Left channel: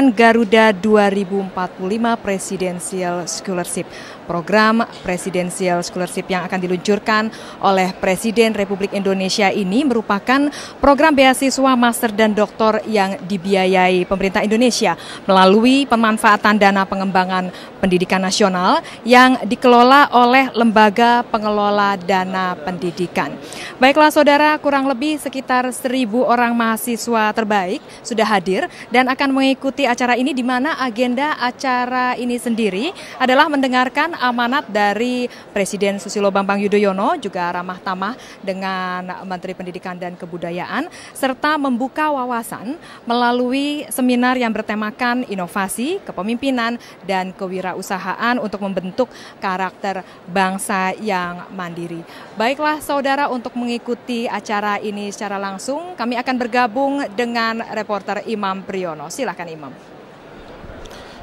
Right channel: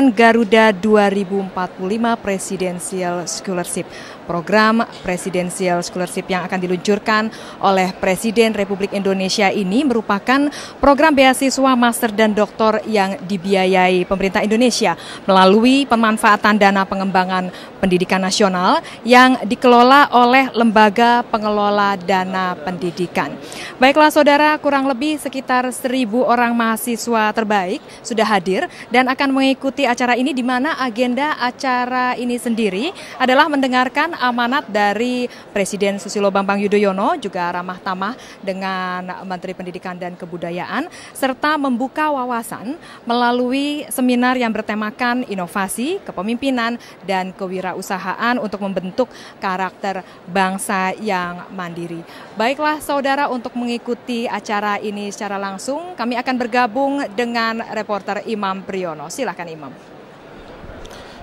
pelaksanaan Garuda 2045 Presidential Scholarship. Program Presidential Scholarship yang akan diluncurkan oleh Presiden Republik Indonesia ini merupakan program beasiswa master dan doktor yang dibiayai pemerintah Indonesia melalui pemanfaatan dana pengembangan pendidikan nasional yang dikelola oleh Lembaga Pengelola Dana Pendidikan. Baiklah saudara, kurang lebih sekitar 1.000 orang mahasiswa terbaik sudah hadir dan akan mengikuti acara ini, di mana agenda acara ini sendiri adalah mendengarkan amanat dari Presiden Susilo Bambang Yudhoyono, juga ramah tamah dengan Menteri Pendidikan dan Kebudayaan, serta membuka wawasan melalui seminar yang bertemakan inovasi, kepemimpinan, dan kewirausahaan untuk membentuk karakter bangsa yang mandiri. Baiklah saudara, untuk mengikuti acara ini secara langsung, kami akan bergabung dengan reporter Imam Priyono. Silakan Imam.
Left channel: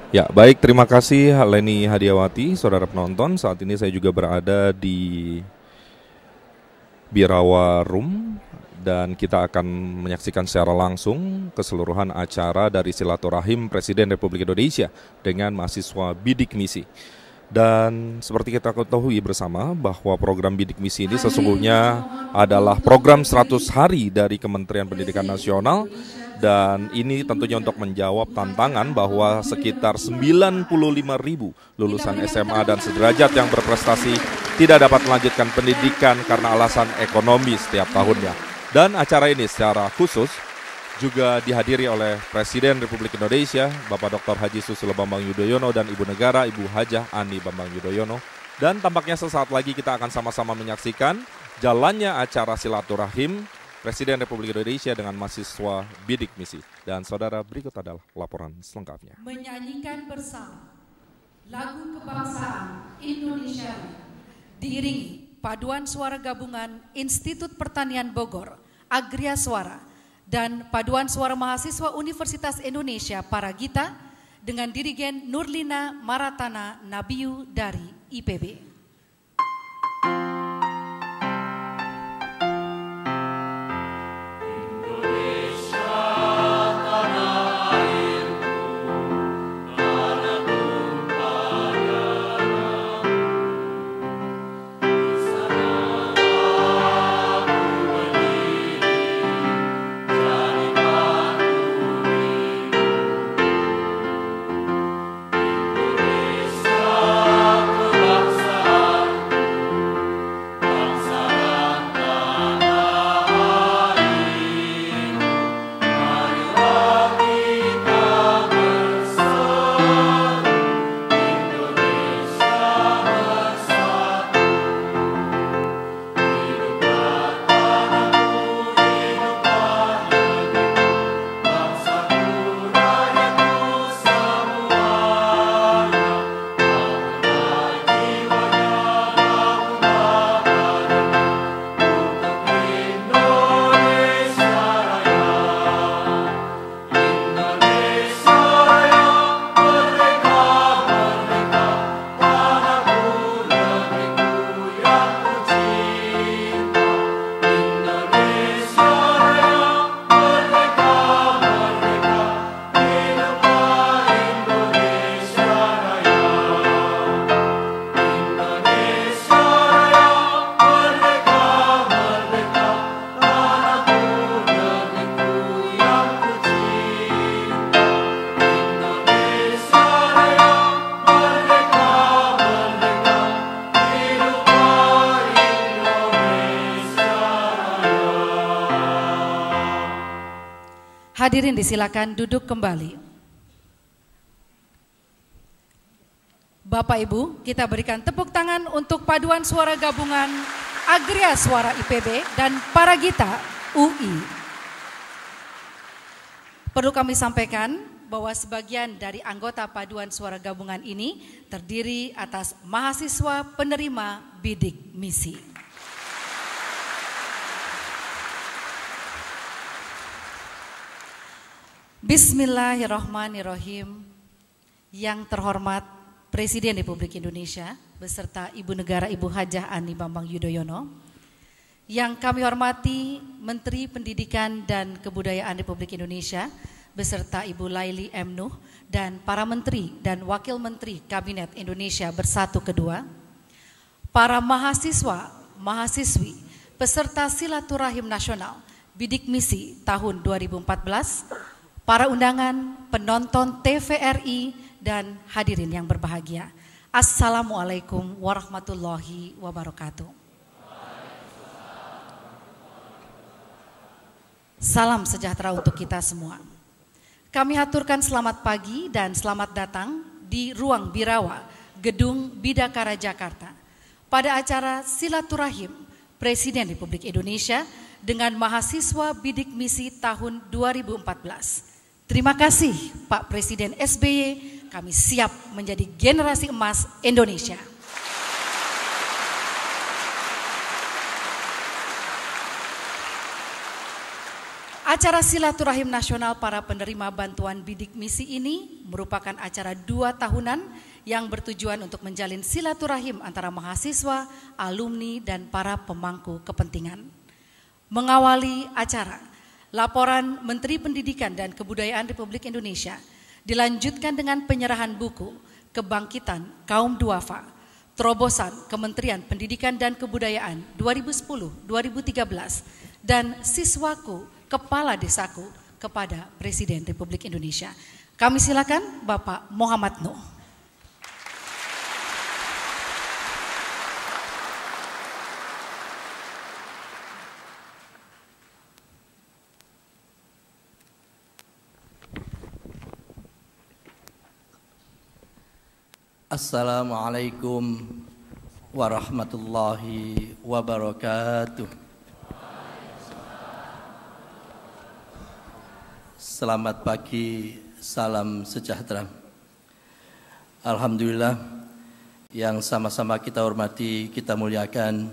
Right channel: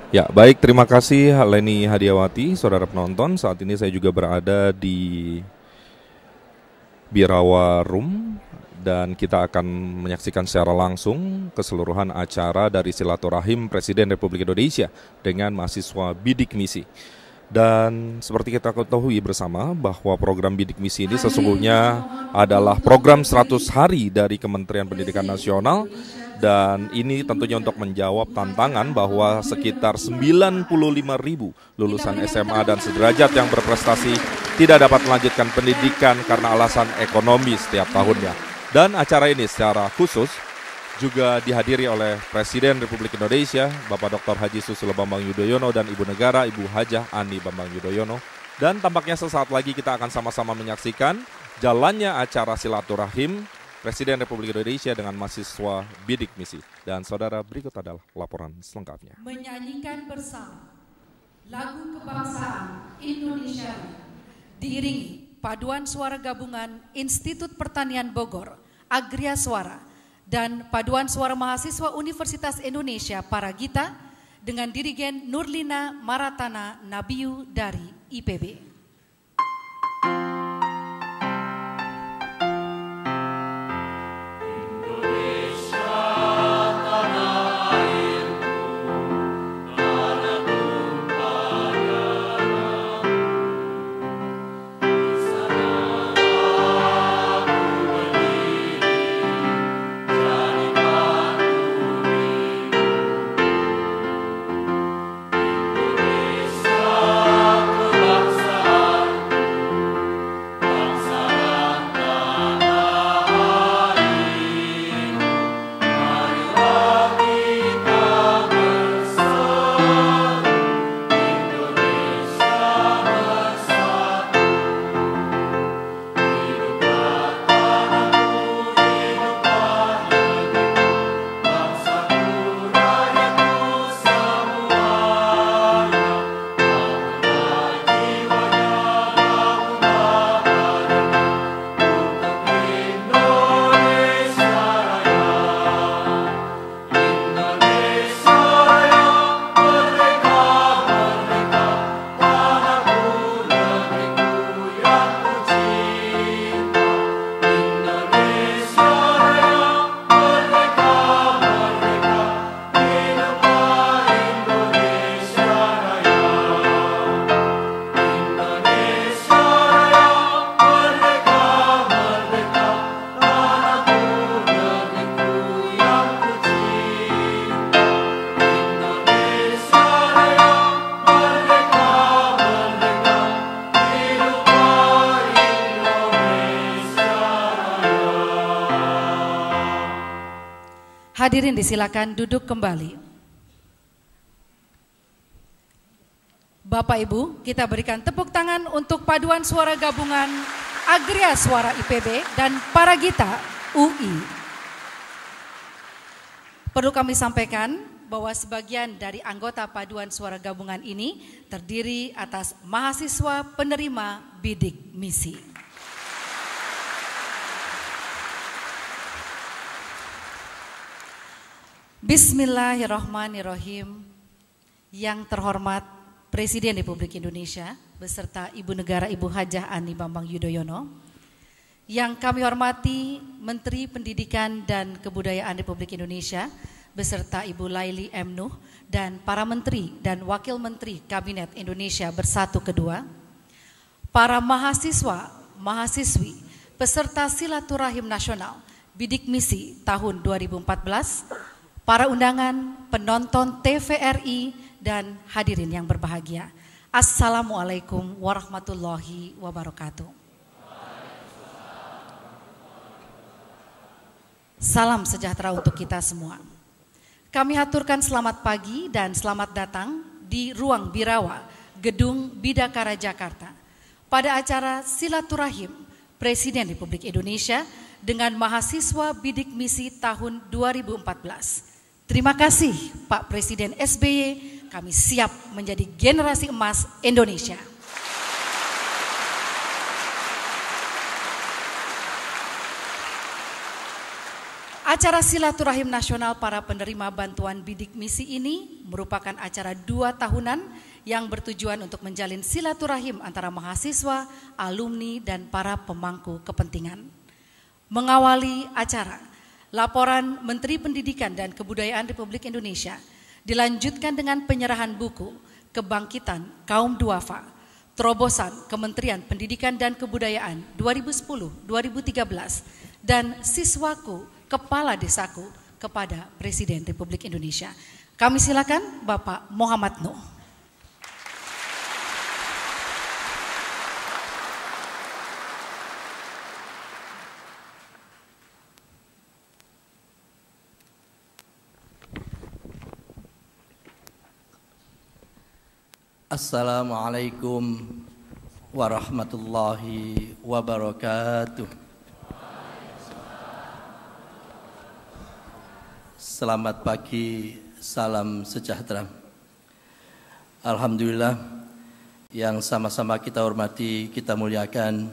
Ya, baik, terima kasih Leni Hadiawati, saudara penonton. Saat ini saya juga berada di Birawa Room dan kita akan menyaksikan secara langsung keseluruhan acara dari silaturahim Presiden Republik Indonesia dengan mahasiswa bidik misi. Dan seperti kita ketahui bersama bahwa program bidik misi ini sesungguhnya adalah program 100 hari dari Kementerian Pendidikan Nasional. Dan ini tentunya untuk menjawab tantangan bahwa sekitar 95.000 lulusan SMA dan sederajat yang berprestasi tidak dapat melanjutkan pendidikan karena alasan ekonomi setiap tahunnya. Dan acara ini secara khusus juga dihadiri oleh Presiden Republik Indonesia, Bapak Dr. Haji Susilo Bambang Yudhoyono, dan Ibu Negara, Ibu Hajah Ani Bambang Yudhoyono. Dan tampaknya sesaat lagi kita akan sama-sama menyaksikan jalannya acara silaturahim Presiden Republik Indonesia dengan mahasiswa bidik misi. Dan saudara, berikut adalah laporan selengkapnya. Menyanyikan bersama lagu kebangsaan Indonesia diiringi paduan suara gabungan Institut Pertanian Bogor, Agria Suara, dan paduan suara mahasiswa Universitas Indonesia Paragita dengan dirigen Nurlina Maratana Nabiu dari IPB. Hadirin disilakan duduk kembali. Bapak Ibu, kita berikan tepuk tangan untuk paduan suara gabungan Agria Suara IPB dan Paragita UI. Perlu kami sampaikan bahwa sebagian dari anggota paduan suara gabungan ini terdiri atas mahasiswa penerima bidik misi. Bismillahirrahmanirrahim. Yang terhormat Presiden Republik Indonesia beserta Ibu Negara Ibu Hajah Ani Bambang Yudhoyono, yang kami hormati Menteri Pendidikan dan Kebudayaan Republik Indonesia beserta Ibu Laili M. Nuh, dan para menteri dan wakil menteri Kabinet Indonesia Bersatu Kedua, para mahasiswa, mahasiswi, peserta silaturahim nasional Bidik Misi tahun 2014, para undangan, penonton TVRI, dan hadirin yang berbahagia. Assalamualaikum warahmatullahi wabarakatuh. Salam sejahtera untuk kita semua. Kami aturkan selamat pagi dan selamat datang di Ruang Birawa, Gedung Bidakara Jakarta, pada acara silaturahim Presiden Republik Indonesia dengan mahasiswa Bidik Misi tahun 2014. Terima kasih Pak Presiden SBY, kami siap menjadi generasi emas Indonesia. Acara silaturahim nasional para penerima bantuan bidik misi ini merupakan acara 2 tahunan yang bertujuan untuk menjalin silaturahim antara mahasiswa, alumni, dan para pemangku kepentingan. Mengawali acara, laporan Menteri Pendidikan dan Kebudayaan Republik Indonesia dilanjutkan dengan penyerahan buku Kebangkitan Kaum Duafa, Terobosan Kementerian Pendidikan dan Kebudayaan 2010-2013, dan Siswaku Kepala Desaku kepada Presiden Republik Indonesia. Kami silakan Bapak Muhammad Nuh. Assalamualaikum warahmatullahi wabarakatuh. Selamat pagi, salam sejahtera. Alhamdulillah, yang sama-sama kita hormati, kita muliakan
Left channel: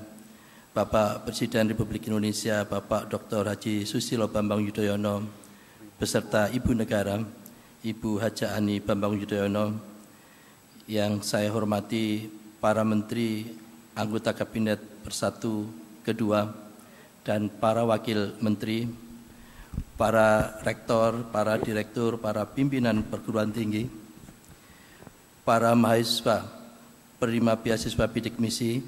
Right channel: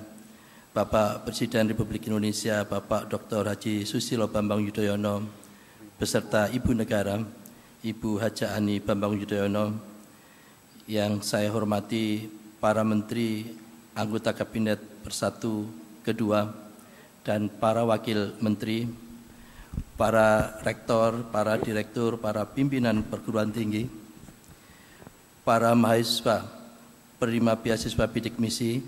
Bapak Presiden Republik Indonesia, Bapak Dr. Haji Susilo Bambang Yudhoyono, beserta Ibu Negara, Ibu Hajah Ani Bambang Yudhoyono, yang saya hormati para menteri, anggota Kabinet Bersatu Kedua, dan para wakil menteri, para rektor, para direktur, para pimpinan perguruan tinggi, para mahasiswa, penerima beasiswa bidik misi,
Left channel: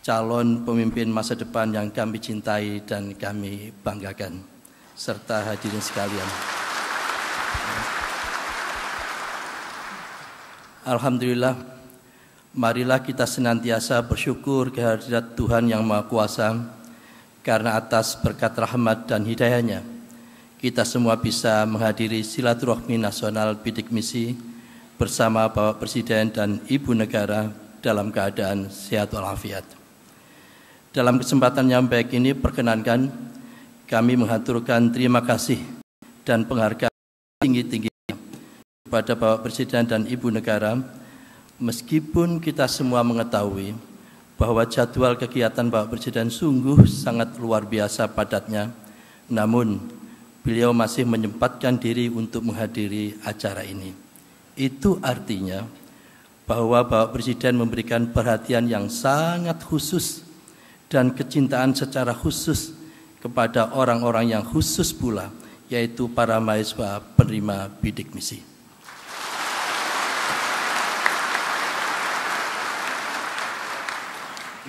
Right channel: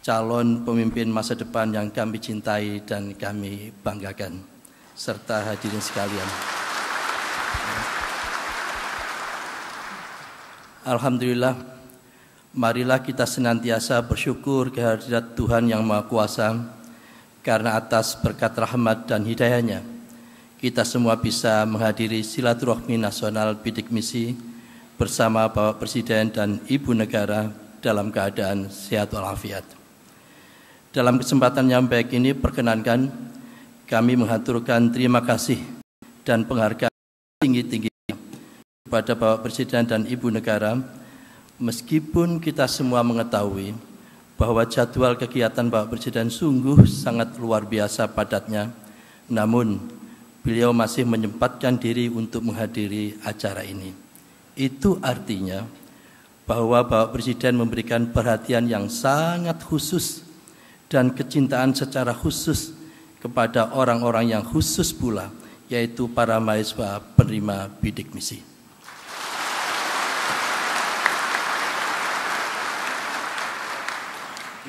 calon pemimpin masa depan yang kami cintai dan kami banggakan, serta hadirin sekalian. Alhamdulillah, marilah kita senantiasa bersyukur kehadirat Tuhan Yang Maha Kuasa, karena atas berkat rahmat dan hidayahnya, kita semua bisa menghadiri silaturahmi nasional bidik misi bersama Bapak Presiden dan Ibu Negara dalam keadaan sehat walafiat. Dalam kesempatan yang baik ini, perkenankan kami menghaturkan terima kasih dan penghargaan tinggi-tingginya kepada Bapak Presiden dan Ibu Negara, meskipun kita semua mengetahui bahwa jadwal kegiatan Bapak Presiden sungguh sangat luar biasa padatnya, namun beliau masih menyempatkan diri untuk menghadiri acara ini. Itu artinya bahwa Bapak Presiden memberikan perhatian yang sangat khusus dan kecintaan secara khusus kepada orang-orang yang khusus pula, yaitu para mahasiswa penerima bidik misi.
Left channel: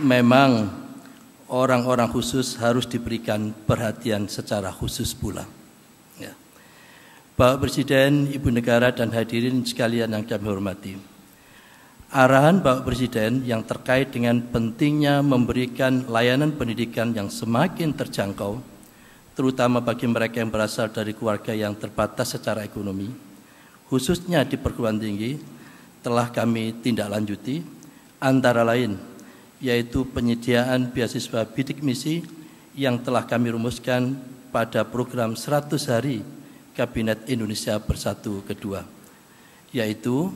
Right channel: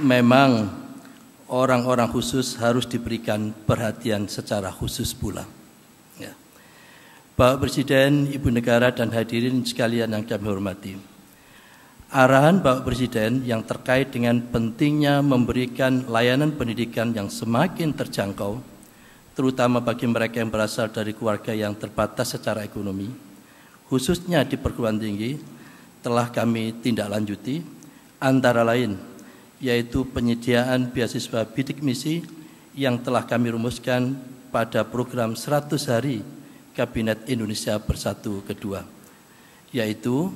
Memang orang-orang khusus harus diberikan perhatian secara khusus pula. Bapak Presiden, Ibu Negara, dan hadirin sekalian yang kami hormati, arahan Bapak Presiden yang terkait dengan pentingnya memberikan layanan pendidikan yang semakin terjangkau, terutama bagi mereka yang berasal dari keluarga yang terbatas secara ekonomi, khususnya di perguruan tinggi, telah kami tindak lanjuti, antara lain yaitu penyediaan beasiswa bidik misi yang telah kami rumuskan pada program 100 hari Kabinet Indonesia Bersatu Kedua, yaitu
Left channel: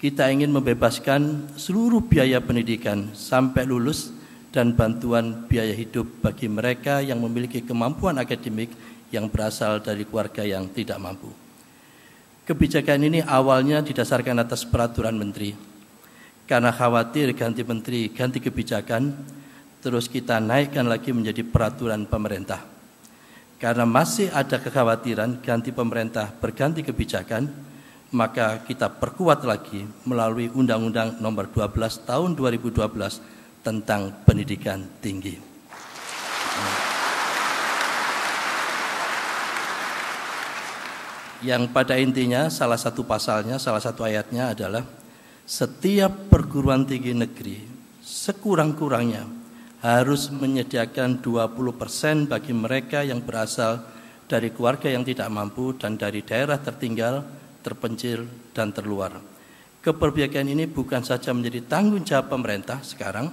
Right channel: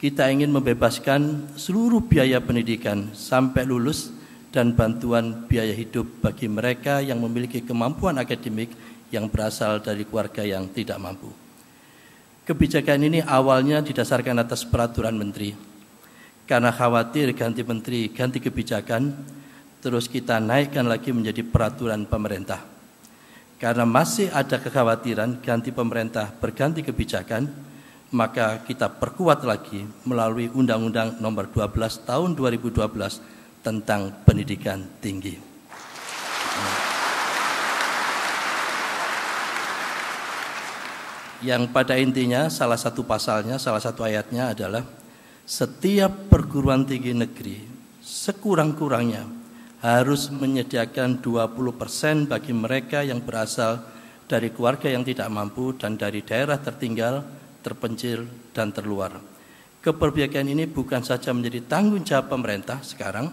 kita ingin membebaskan seluruh biaya pendidikan sampai lulus dan bantuan biaya hidup bagi mereka yang memiliki kemampuan akademik yang berasal dari keluarga yang tidak mampu. Kebijakan ini awalnya didasarkan atas peraturan menteri. Karena khawatir ganti menteri, ganti kebijakan, terus kita naikkan lagi menjadi peraturan pemerintah. Karena masih ada kekhawatiran ganti pemerintah berganti kebijakan, maka kita perkuat lagi melalui Undang-Undang Nomor 12 Tahun 2012 tentang pendidikan tinggi. Yang pada intinya salah satu pasalnya, salah satu ayatnya adalah setiap perguruan tinggi negeri sekurang-kurangnya harus menyediakan 20% bagi mereka yang berasal dari keluarga yang tidak mampu dan dari daerah tertinggal, terpencil, dan terluar. Keberpihakan ini bukan saja menjadi tanggung jawab pemerintah sekarang,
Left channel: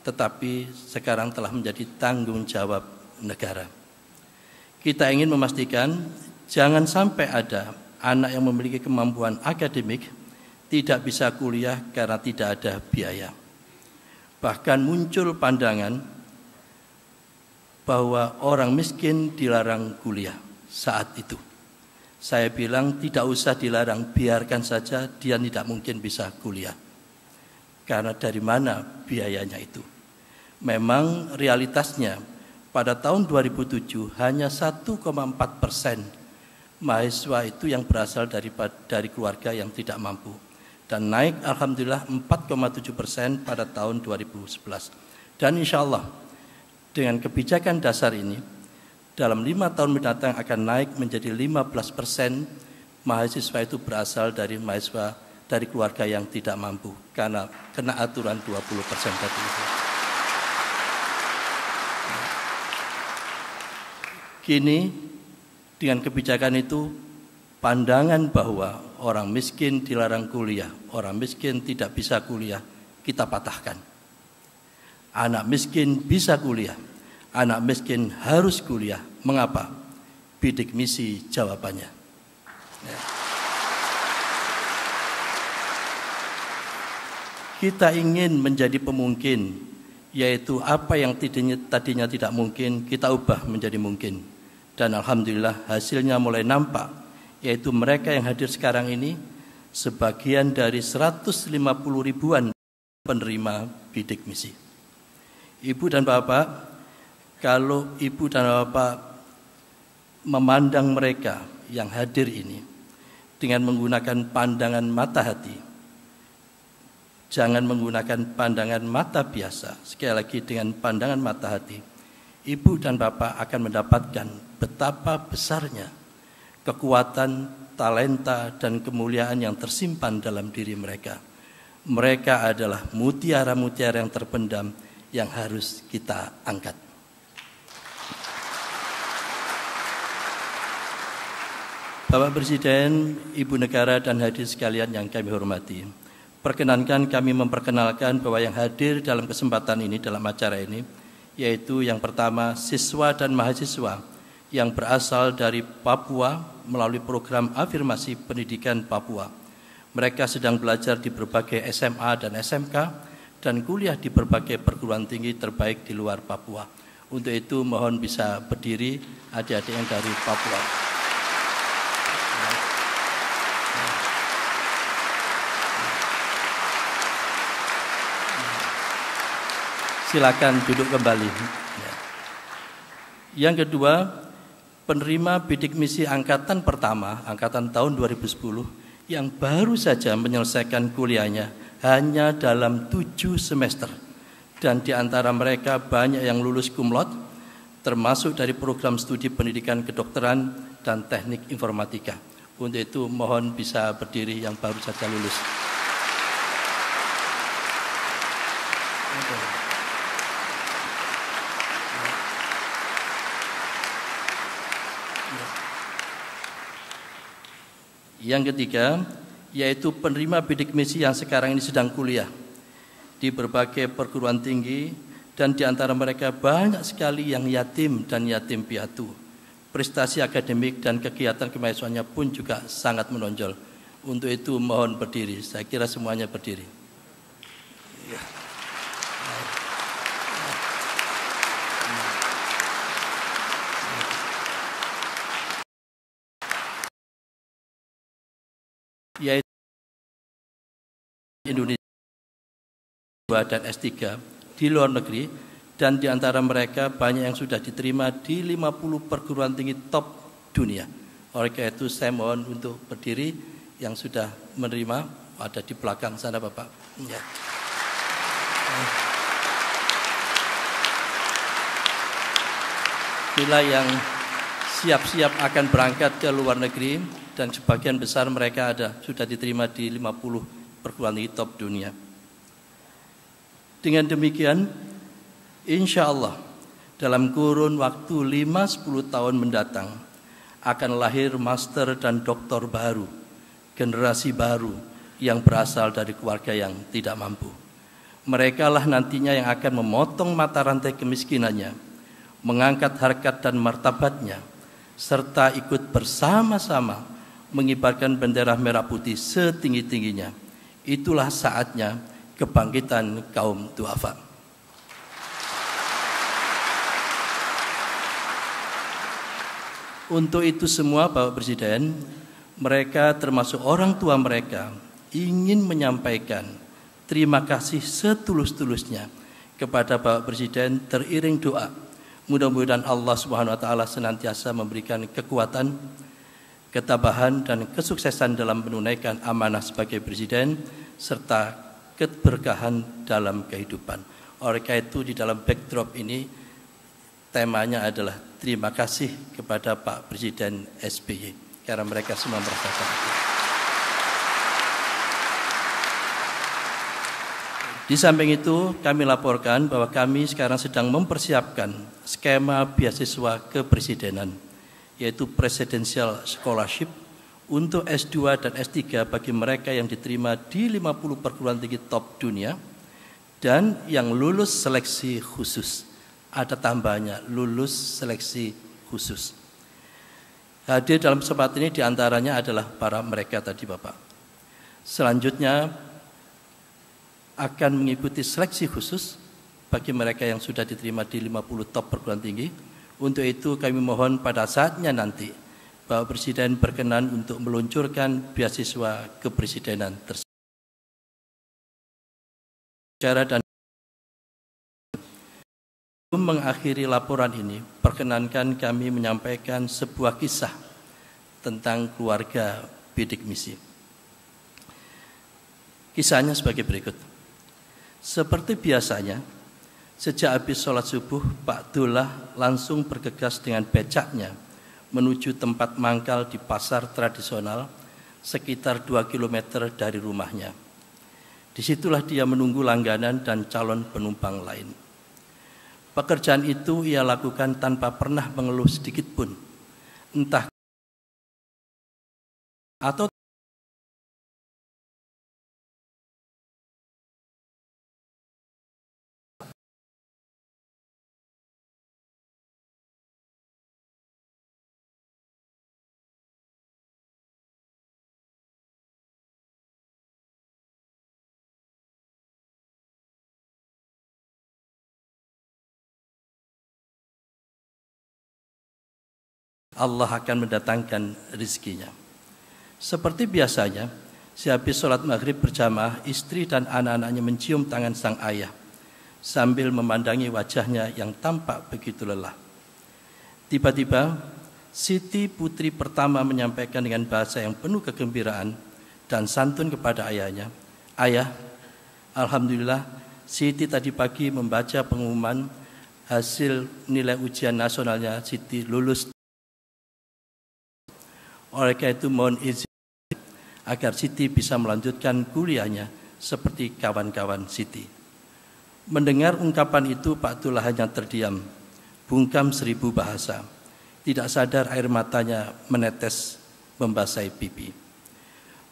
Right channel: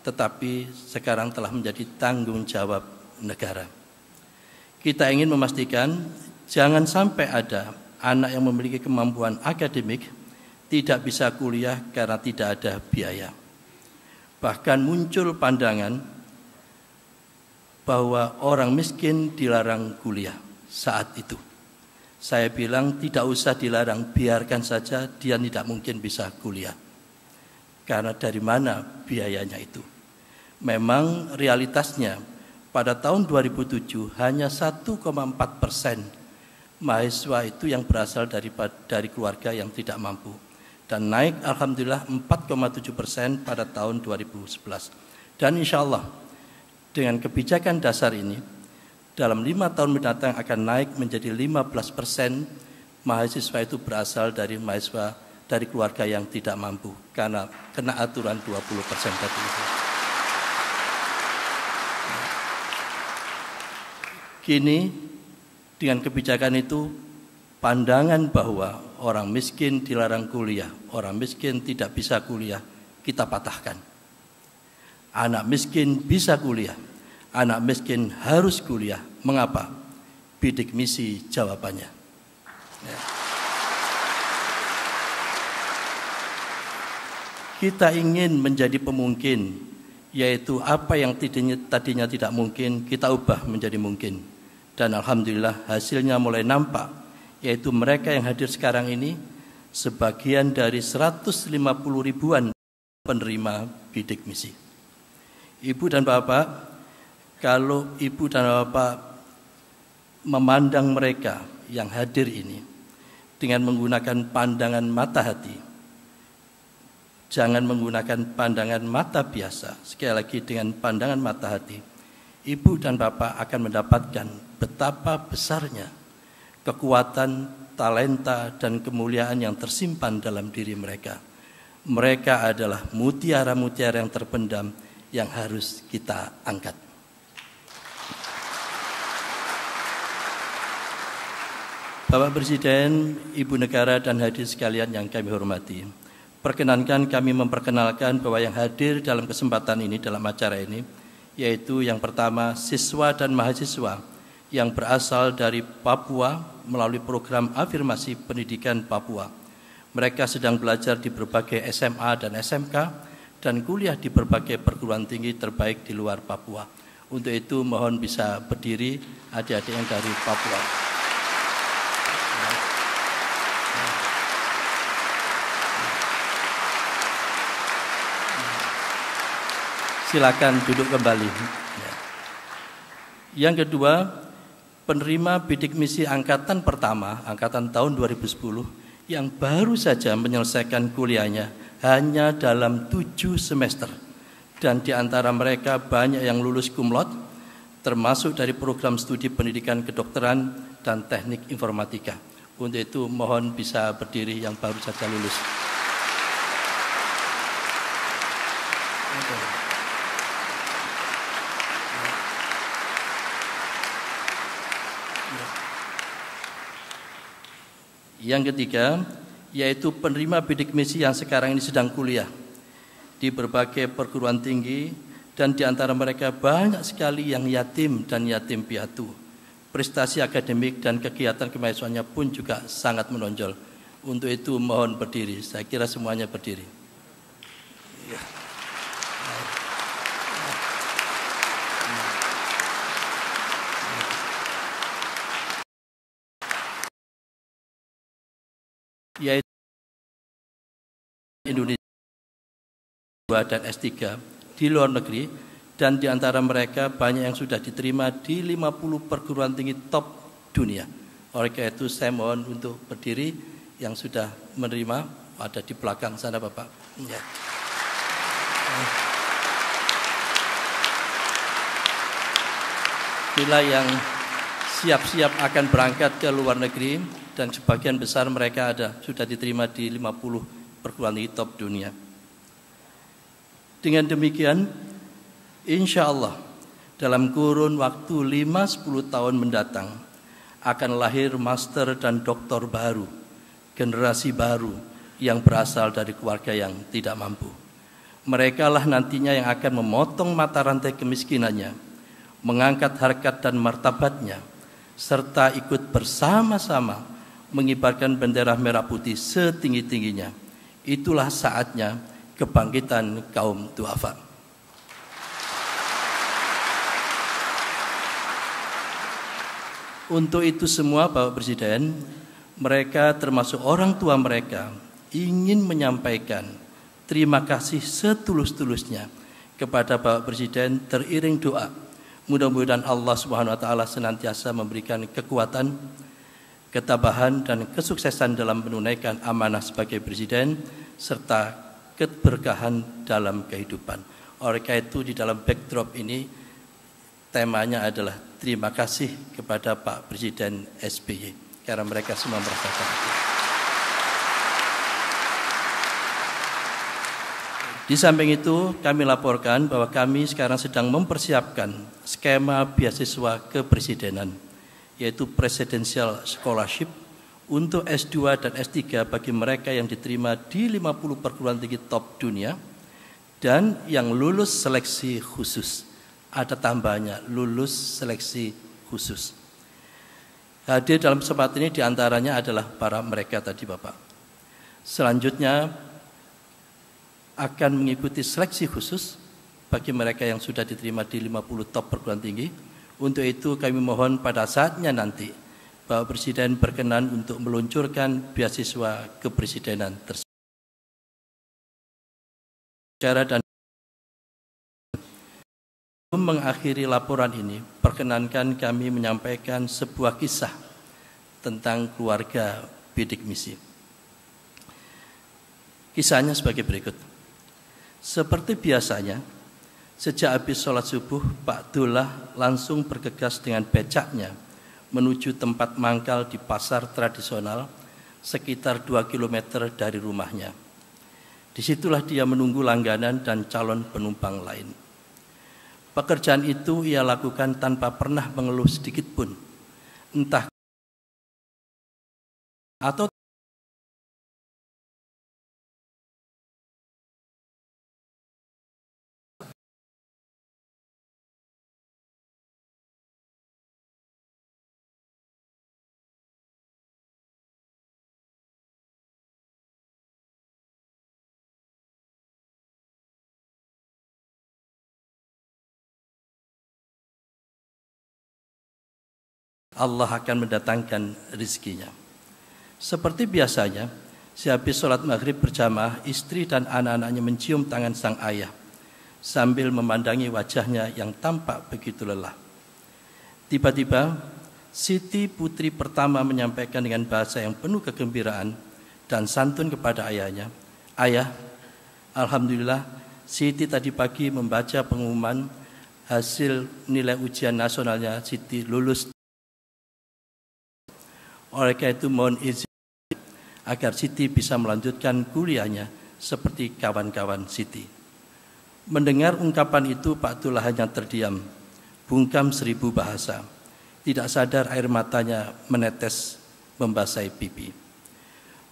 tetapi sekarang telah menjadi tanggung jawab negara. Kita ingin memastikan jangan sampai ada anak yang memiliki kemampuan akademik tidak bisa kuliah karena tidak ada biaya. Bahkan muncul pandangan bahwa orang miskin dilarang kuliah saat itu. Saya bilang tidak usah dilarang, biarkan saja dia tidak mungkin bisa kuliah. Karena dari mana biayanya itu? Memang realitasnya pada tahun 2007 hanya 1,4% mahasiswa itu yang berasal dari keluarga yang tidak mampu. Dan naik alhamdulillah 4,7% pada tahun 2011. Dan insya Allah dengan kebijakan dasar ini dalam 5 tahun mendatang akan naik menjadi 15% mahasiswa itu berasal dari mahasiswa dari keluarga yang tidak mampu karena kena aturan 20% tadi itu. Kini dengan kebijakan itu pandangan bahwa orang miskin dilarang kuliah, orang miskin tidak bisa kuliah, kita patahkan. Anak miskin bisa kuliah, anak miskin harus kuliah. Mengapa? Bidik misi jawabannya. Ya. Kita ingin menjadi pemungkin, yaitu apa yang tadinya tidak mungkin, kita ubah menjadi mungkin. Dan alhamdulillah hasilnya mulai nampak. Yaitu mereka yang hadir sekarang ini sebagian dari 150 ribuan penerima bidik misi. Ibu dan Bapak, kalau Ibu dan Bapak memandang mereka yang hadir ini dengan menggunakan pandangan mata hati, jangan menggunakan pandangan mata biasa, sekali lagi dengan pandangan mata hati, Ibu dan Bapak akan mendapatkan betapa besarnya kekuatan, talenta, dan kemuliaan yang tersimpan dalam diri mereka. Mereka adalah mutiara-mutiara yang terpendam yang harus kita angkat. Bapak Presiden, Ibu Negara, dan hadirin sekalian yang kami hormati, perkenankan kami memperkenalkan bahwa yang hadir dalam kesempatan ini, dalam acara ini, yaitu yang pertama siswa dan mahasiswa yang berasal dari Papua melalui program afirmasi pendidikan Papua. Mereka sedang belajar di berbagai SMA dan SMK dan kuliah di berbagai perguruan tinggi terbaik di luar Papua. Untuk itu mohon bisa berdiri adik-adik yang dari Papua. Silakan duduk kembali. Yang kedua, penerima bidik misi angkatan pertama, angkatan tahun 2010, yang baru saja menyelesaikan kuliahnya hanya dalam 7 semester. Dan di antara mereka banyak yang lulus cum laude, termasuk dari program studi pendidikan kedokteran dan teknik informatika. Untuk itu mohon bisa berdiri yang baru saja lulus. Yang ketiga, yaitu penerima bidik misi yang sekarang ini sedang kuliah di berbagai perguruan tinggi dan di antara mereka banyak sekali yang yatim dan yatim piatu. Prestasi akademik dan kegiatan kemahasiswaannya pun juga sangat menonjol. Untuk itu mohon berdiri, saya kira semuanya berdiri. Yaitu Indonesia dan S3 di luar negeri, dan di antara mereka banyak yang sudah diterima di 50 perguruan tinggi top dunia. Oleh karena itu saya mohon untuk berdiri yang sudah menerima ada di belakang sana Bapak. Ya. Bila yang siap-siap akan berangkat ke luar negeri dan sebagian besar mereka sudah diterima di 50 perguruan tinggi top dunia. Dengan demikian, insya Allah dalam kurun waktu 5-10 tahun mendatang akan lahir master dan doktor baru, generasi baru yang berasal dari keluarga yang tidak mampu. Mereka lah nantinya yang akan memotong mata rantai kemiskinannya, mengangkat harkat dan martabatnya, serta ikut bersama-sama mengibarkan bendera merah putih setinggi-tingginya. Itulah saatnya kebangkitan kaum duafa. Untuk itu semua Bapak Presiden, mereka termasuk orang tua mereka ingin menyampaikan terima kasih setulus-tulusnya kepada Bapak Presiden teriring doa. Mudah-mudahan Allah Subhanahu wa taala senantiasa memberikan kekuatan, ketabahan dan kesuksesan dalam menunaikan amanah sebagai presiden serta keberkahan dalam kehidupan. Oleh karena itu di dalam backdrop ini temanya adalah terima kasih kepada Pak Presiden SBY karena mereka semua merasakan itu. Di samping itu kami laporkan bahwa kami sekarang sedang mempersiapkan skema beasiswa kepresidenan, yaitu Presidential Scholarship untuk S2 dan S3 bagi mereka yang diterima di 50 perguruan tinggi top dunia dan yang lulus seleksi khusus. Ada tambahannya, lulus seleksi khusus. Hadir dalam kesempatan ini diantaranya adalah para mereka tadi Bapak. Selanjutnya akan mengikuti seleksi khusus bagi mereka yang sudah diterima di 50 top perguruan tinggi. Untuk itu kami mohon pada saatnya nanti Bapak Presiden berkenan untuk meluncurkan beasiswa kepresidenan tersebut. Dan mengakhiri laporan ini, perkenankan kami menyampaikan sebuah kisah tentang keluarga bidik misi. Kisahnya sebagai berikut. Seperti biasanya, sejak habis sholat subuh, Pak Dullah langsung bergegas dengan becaknya menuju tempat mangkal di pasar tradisional sekitar 2 km dari rumahnya. Disitulah dia menunggu langganan dan calon penumpang lain. Pekerjaan itu ia lakukan tanpa pernah mengeluh sedikit pun, entah atau Allah akan mendatangkan rizkinya. Seperti biasanya, sehabis sholat maghrib berjamaah, istri dan anak-anaknya mencium tangan sang ayah sambil memandangi wajahnya yang tampak begitu lelah. Tiba-tiba, Siti putri pertama menyampaikan dengan bahasa yang penuh kegembiraan dan santun kepada ayahnya, "Ayah, alhamdulillah, Siti tadi pagi membaca pengumuman hasil nilai ujian nasionalnya Siti lulus. Oleh karena itu mohon izin agar Siti bisa melanjutkan kuliahnya seperti kawan-kawan Siti." Mendengar ungkapan itu, Pak Dullah hanya terdiam, bungkam 1000 bahasa. Tidak sadar air matanya menetes membasahi pipi.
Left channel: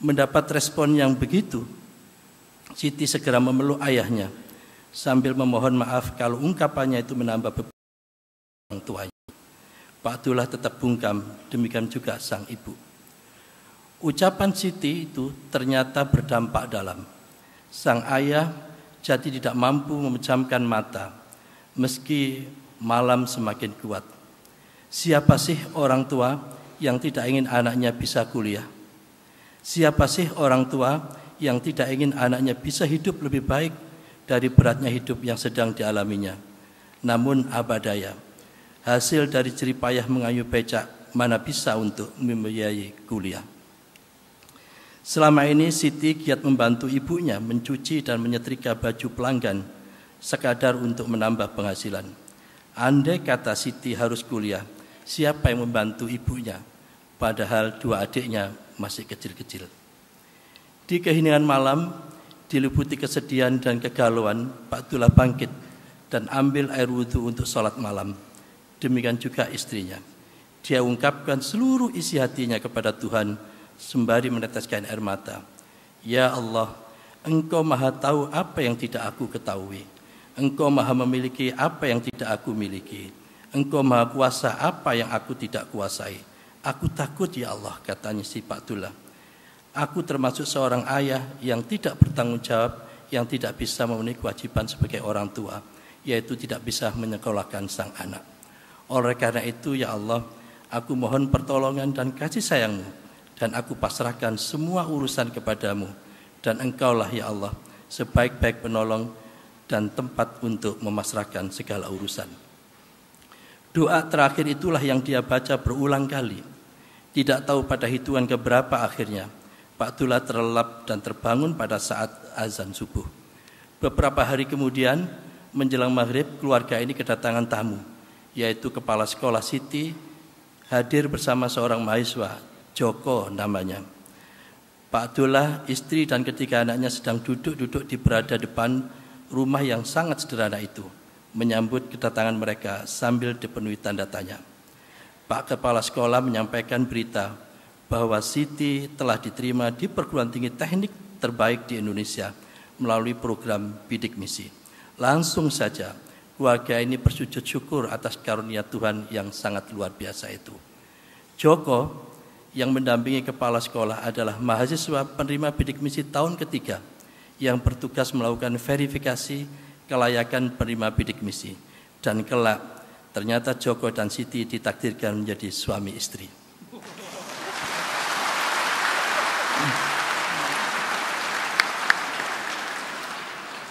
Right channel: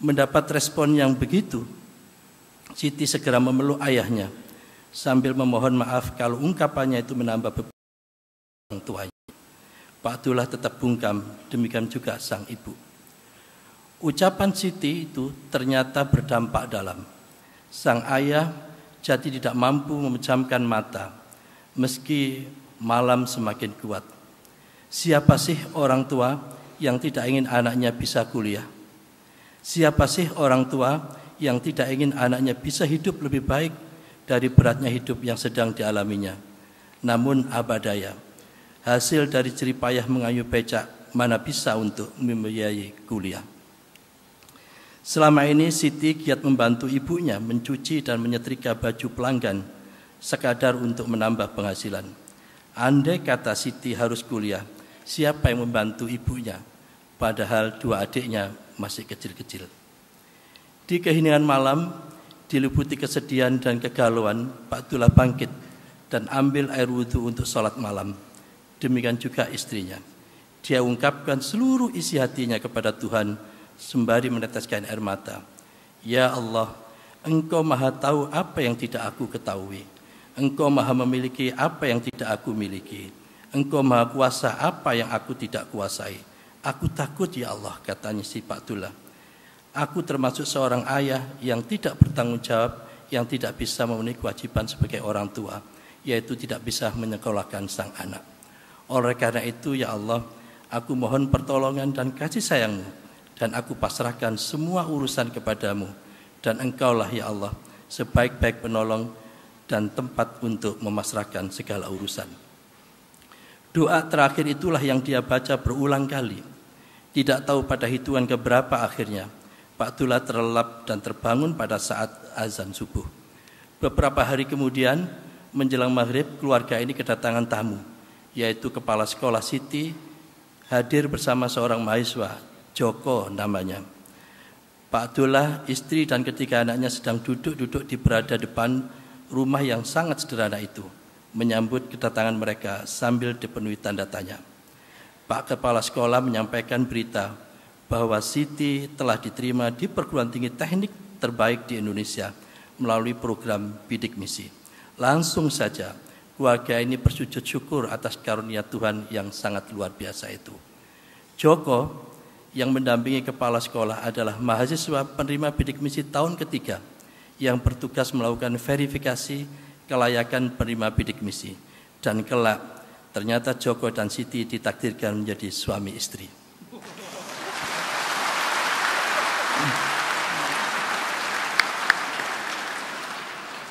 Mendapat respon yang begitu, Siti segera memeluk ayahnya sambil memohon maaf kalau ungkapannya itu menambah beban orang tuanya. Pak Dullah tetap bungkam, demikian juga sang ibu. Ucapan Siti itu ternyata berdampak dalam. Sang ayah jadi tidak mampu memejamkan mata, meski malam semakin kuat. Siapa sih orang tua yang tidak ingin anaknya bisa kuliah? Siapa sih orang tua yang tidak ingin anaknya bisa hidup lebih baik dari beratnya hidup yang sedang dialaminya? Namun apa daya, hasil dari jerih payah mengayuh becak mana bisa untuk membiayai kuliah. Selama ini Siti giat membantu ibunya mencuci dan menyetrika baju pelanggan sekadar untuk menambah penghasilan. Andai kata Siti harus kuliah, siapa yang membantu ibunya? Padahal dua adiknya masih kecil-kecil. Di keheningan malam, diliputi kesedihan dan kegalauan, Pak Abdullah bangkit dan ambil air wudhu untuk sholat malam. Demikian juga istrinya. Dia ungkapkan seluruh isi hatinya kepada Tuhan sembari meneteskan air mata. Ya Allah, Engkau maha tahu apa yang tidak aku ketahui. Engkau maha memiliki apa yang tidak aku miliki. Engkau maha kuasa apa yang aku tidak kuasai. Aku takut ya Allah, katanya si Pak Abdullah. Aku termasuk seorang ayah yang tidak bertanggung jawab, yang tidak bisa memenuhi kewajiban sebagai orang tua, yaitu tidak bisa menyekolahkan sang anak. Oleh karena itu ya Allah, aku mohon pertolongan dan kasih sayang-Mu, dan aku pasrahkan semua urusan kepadamu, dan Engkaulah ya Allah sebaik-baik penolong dan tempat untuk memasrahkan segala urusan. Doa terakhir itulah yang dia baca berulang kali. Tidak tahu pada hitungan keberapa akhirnya Pak Abdullah terlelap dan terbangun pada saat azan subuh. Beberapa hari kemudian menjelang maghrib, keluarga ini kedatangan tamu, yaitu kepala sekolah Siti hadir bersama seorang mahasiswa, Joko namanya. Pak Abdullah, istri dan ketiga anaknya sedang duduk-duduk di berada depan rumah yang sangat sederhana itu, menyambut kedatangan mereka sambil dipenuhi tanda tanya. Pak Kepala Sekolah menyampaikan berita bahwa Siti telah diterima di perguruan tinggi teknik terbaik di Indonesia melalui program bidik misi. Langsung saja keluarga ini bersujud syukur atas karunia Tuhan yang sangat luar biasa itu. Joko yang mendampingi kepala sekolah adalah mahasiswa penerima bidik misi tahun ketiga yang bertugas melakukan verifikasi kelayakan penerima bidik misi. Dan kelak ternyata Joko dan Siti ditakdirkan menjadi suami istri.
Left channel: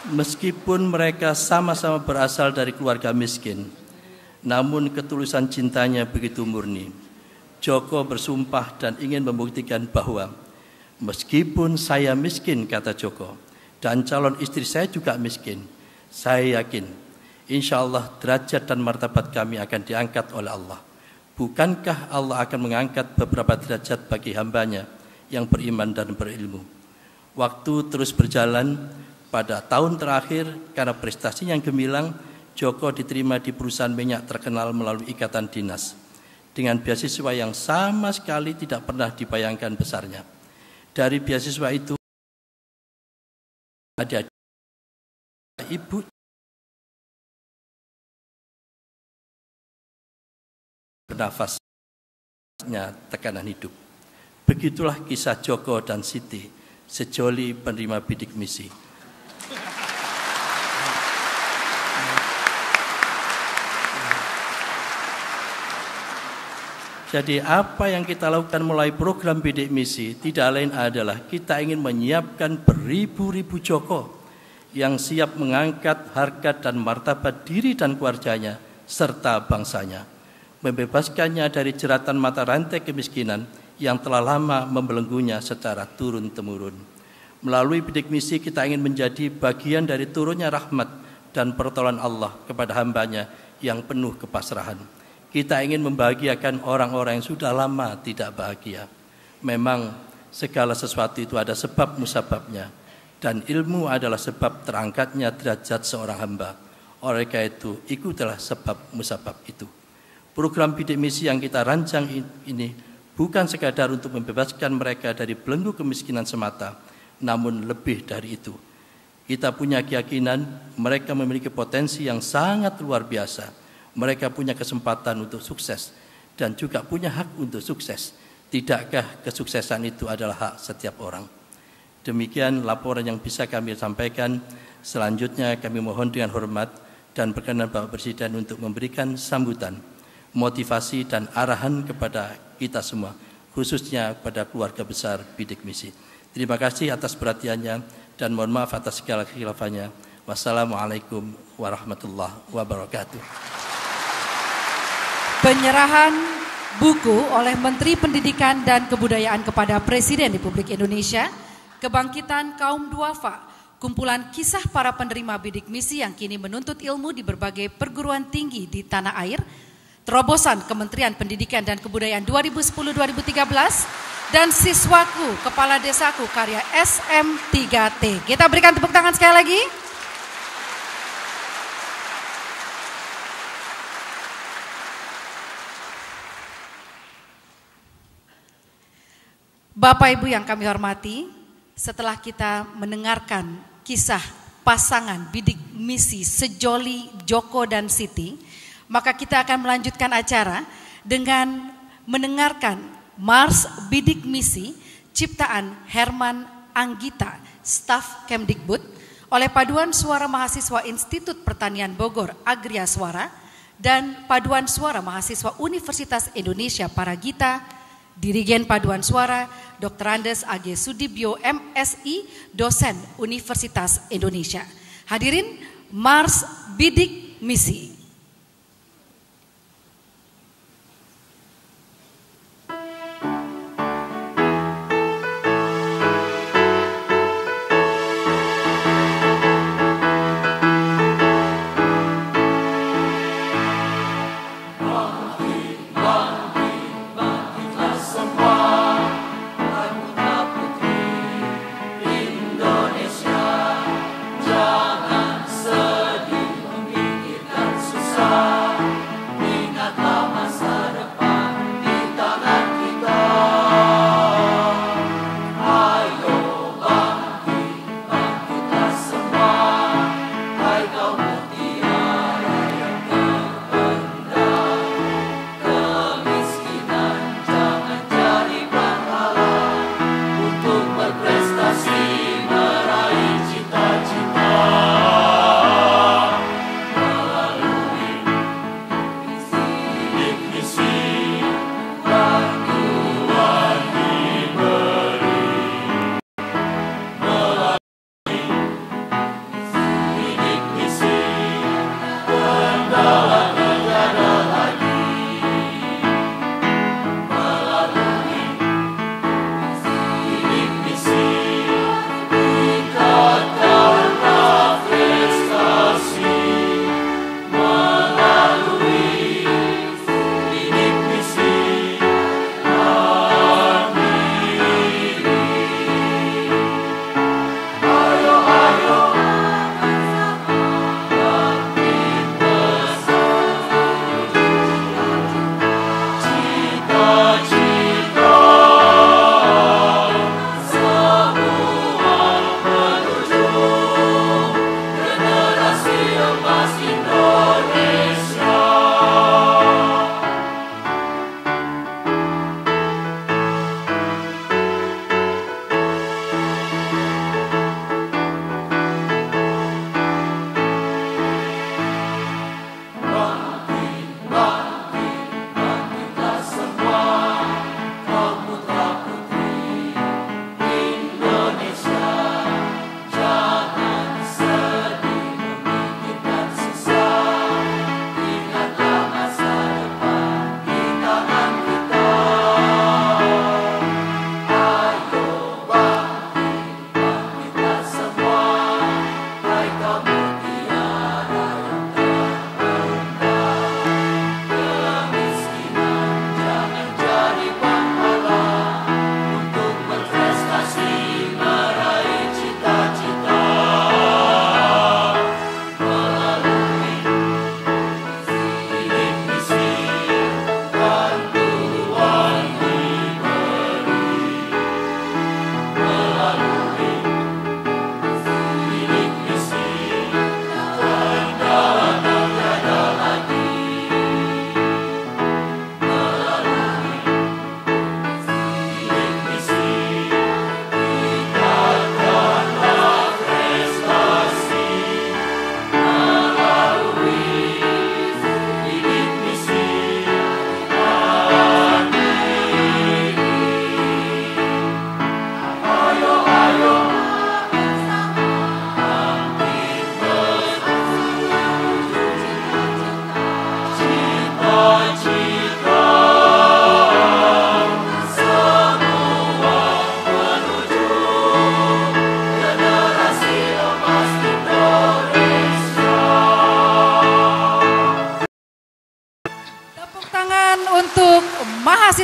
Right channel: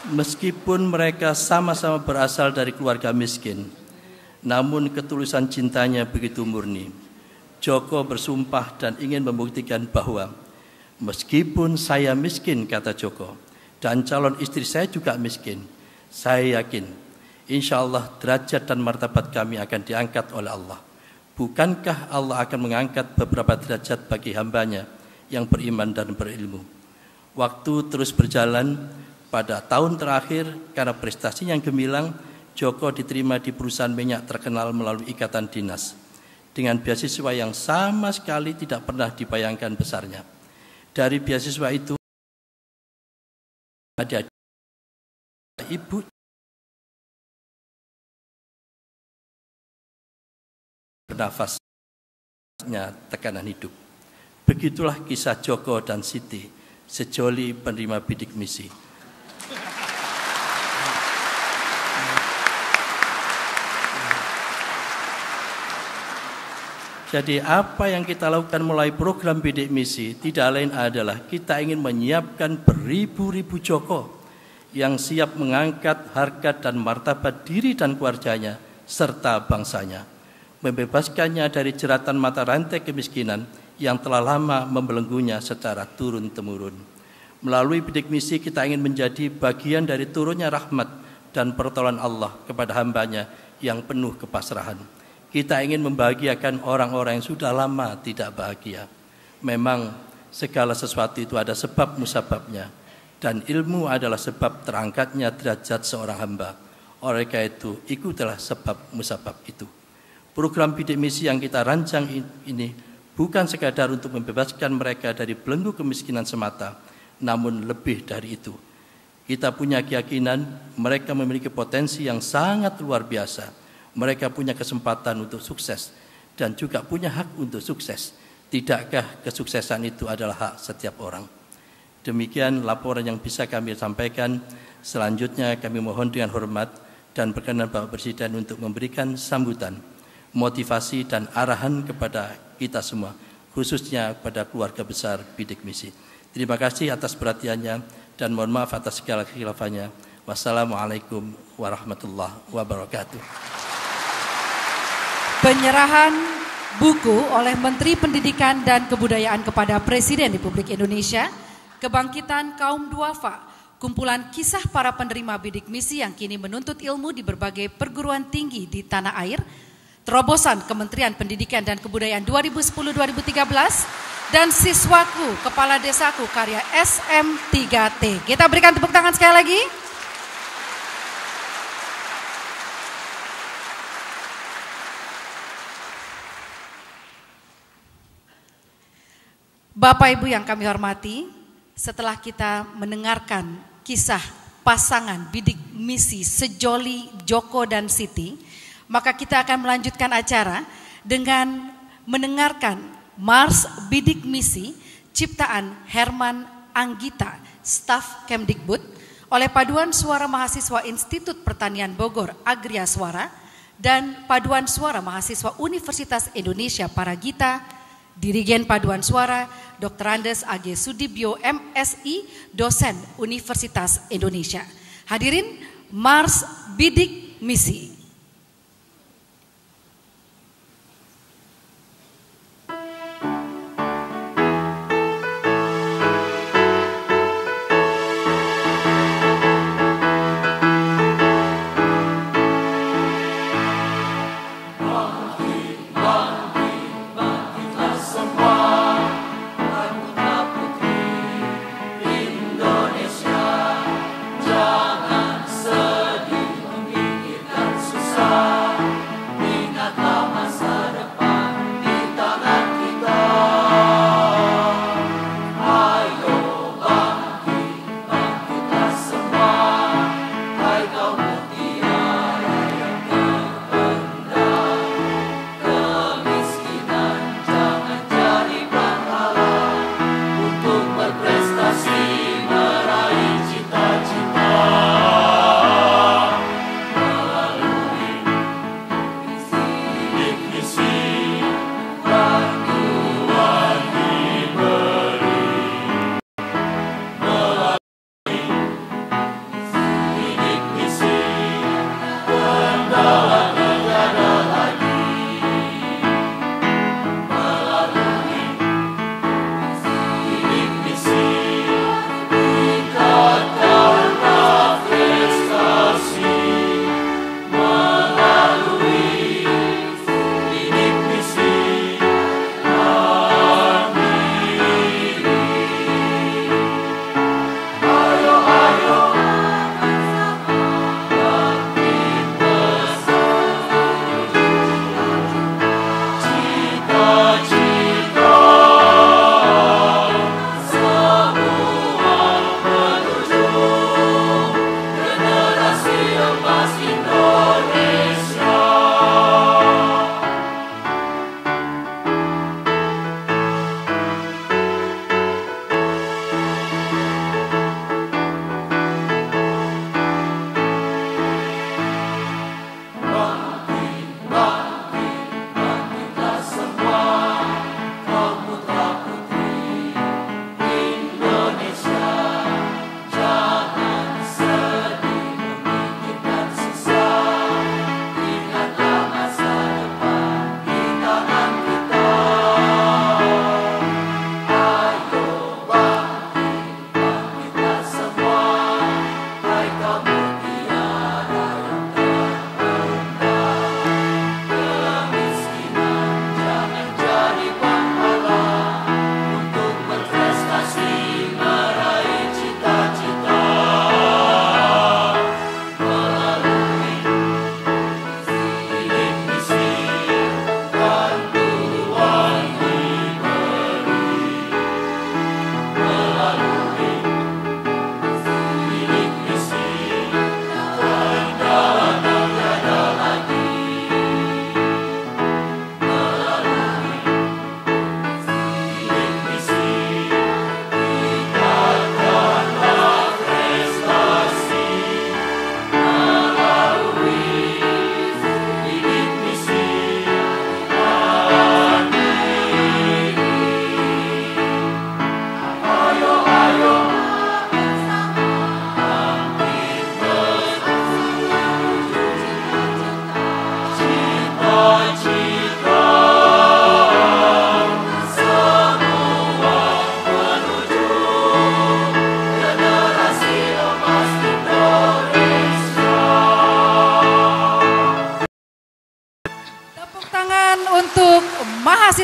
Meskipun mereka sama-sama berasal dari keluarga miskin, namun ketulusan cintanya begitu murni. Joko bersumpah dan ingin membuktikan bahwa meskipun saya miskin, kata Joko, dan calon istri saya juga miskin, saya yakin insya Allah derajat dan martabat kami akan diangkat oleh Allah. Bukankah Allah akan mengangkat beberapa derajat bagi hambanya yang beriman dan berilmu? Waktu terus berjalan. Pada tahun terakhir, karena prestasinya yang gemilang, Joko diterima di perusahaan minyak terkenal melalui ikatan dinas dengan beasiswa yang sama sekali tidak pernah dibayangkan besarnya. Dari beasiswa itu ada ibu bernafasnya tekanan hidup. Begitulah kisah Joko dan Siti, sejoli penerima bidik misi. Jadi apa yang kita lakukan mulai program bidik misi tidak lain adalah kita ingin menyiapkan beribu-ribu Joko yang siap mengangkat harkat dan martabat diri dan keluarganya serta bangsanya, membebaskannya dari jeratan mata rantai kemiskinan yang telah lama membelenggunya secara turun-temurun. Melalui bidik misi kita ingin menjadi bagian dari turunnya rahmat dan pertolongan Allah kepada hambanya yang penuh kepasrahan. Kita ingin membahagiakan orang-orang yang sudah lama tidak bahagia. Memang segala sesuatu itu ada sebab musababnya, dan ilmu adalah sebab terangkatnya derajat seorang hamba. Oleh karena itu, ikutilah sebab musabab itu. Program bidik misi yang kita rancang ini bukan sekadar untuk membebaskan mereka dari belenggu kemiskinan semata, namun lebih dari itu. Kita punya keyakinan mereka memiliki potensi yang sangat luar biasa. Mereka punya kesempatan untuk sukses dan juga punya hak untuk sukses. Tidakkah kesuksesan itu adalah hak setiap orang? Demikian laporan yang bisa kami sampaikan. Selanjutnya kami mohon dengan hormat dan berkenan Bapak Presiden untuk memberikan sambutan, motivasi dan arahan kepada kita semua, khususnya pada keluarga besar bidik misi. Terima kasih atas perhatiannya dan mohon maaf atas segala kekhilafannya. Wassalamualaikum warahmatullahi wabarakatuh. Penyerahan buku oleh Menteri Pendidikan dan Kebudayaan kepada Presiden Republik Indonesia, Kebangkitan Kaum Duafa, kumpulan kisah para penerima bidik misi yang kini menuntut ilmu di berbagai perguruan tinggi di tanah air, terobosan Kementerian Pendidikan dan Kebudayaan 2010-2013, dan Siswaku Kepala Desaku karya SM3T. Kita berikan tepuk tangan sekali lagi. Bapak Ibu yang kami hormati, setelah kita mendengarkan kisah pasangan bidik misi Sejoli, Joko, dan Siti, maka kita akan melanjutkan acara dengan mendengarkan Mars Bidik Misi ciptaan Herman Anggita, staf Kemdikbud, oleh Paduan Suara Mahasiswa Institut Pertanian Bogor Agria Suara dan Paduan Suara Mahasiswa Universitas Indonesia Paragita. Dirigen Paduan Suara Dr. Andes A.G. Sudibyo MSI, dosen Universitas Indonesia. Hadirin, Mars Bidik Misi. Jangan sedih memikirkan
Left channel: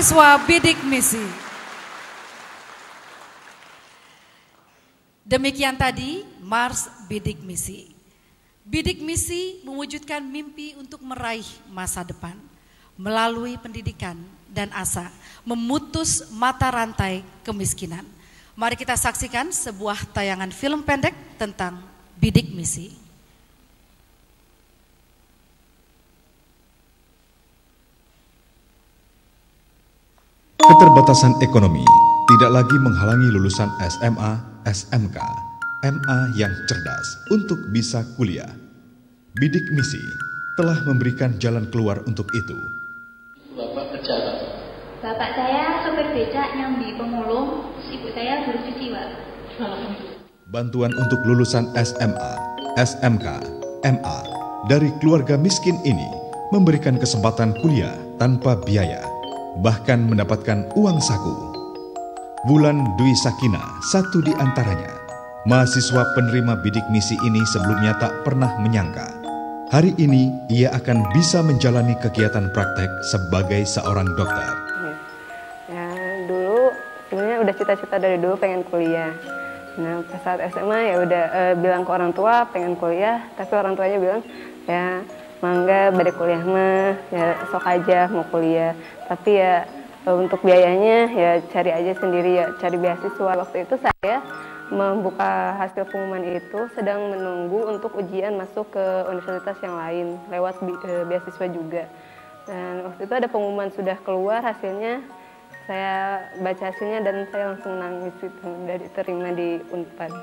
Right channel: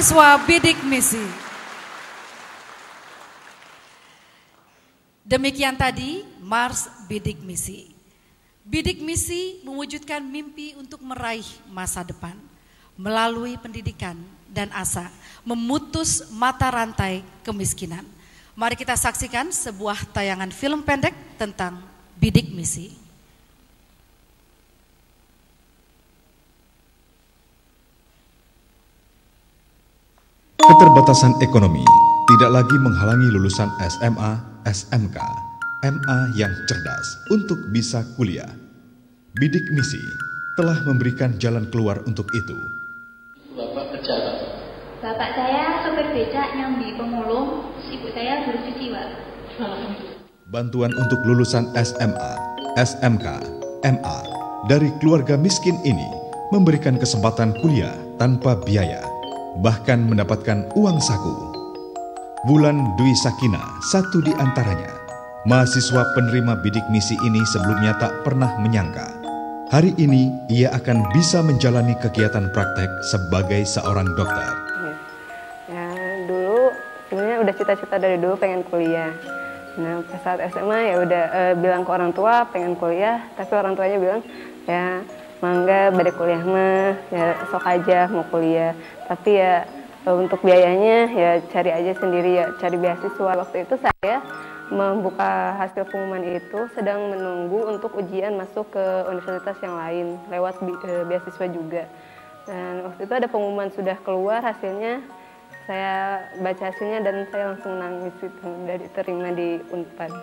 mahasiswa bidik misi. Demikian tadi Mars Bidik Misi. Bidik misi mewujudkan mimpi untuk meraih masa depan melalui pendidikan dan asa, memutus mata rantai kemiskinan. Mari kita saksikan sebuah tayangan film pendek tentang bidik misi. Keterbatasan ekonomi tidak lagi menghalangi lulusan SMA, SMK, MA yang cerdas untuk bisa kuliah. Bidik misi telah memberikan jalan keluar untuk itu. Bapak saya sopir becak yang di Pemulung, ibu saya guru siswa. Bantuan untuk lulusan SMA, SMK, MA dari keluarga miskin ini memberikan kesempatan kuliah tanpa biaya, bahkan mendapatkan uang saku. Wulan Dwi Sakina, satu di antaranya. Mahasiswa penerima bidik misi ini sebelumnya tak pernah menyangka hari ini ia akan bisa menjalani kegiatan praktek sebagai seorang dokter. Ya, dulu sebenarnya udah cita-cita dari dulu pengen kuliah. Nah, saat SMA ya udah bilang ke orang tua pengen kuliah, tapi orang tuanya bilang ya mangga badai kuliah mah ya sok aja mau kuliah. Tapi ya untuk biayanya ya cari aja sendiri, ya cari beasiswa. Waktu itu saya membuka hasil pengumuman itu sedang menunggu untuk ujian masuk ke universitas yang lain lewat beasiswa juga. Dan waktu itu ada pengumuman sudah keluar hasilnya, saya baca hasilnya dan saya langsung nangis itu udah diterima di Unpad.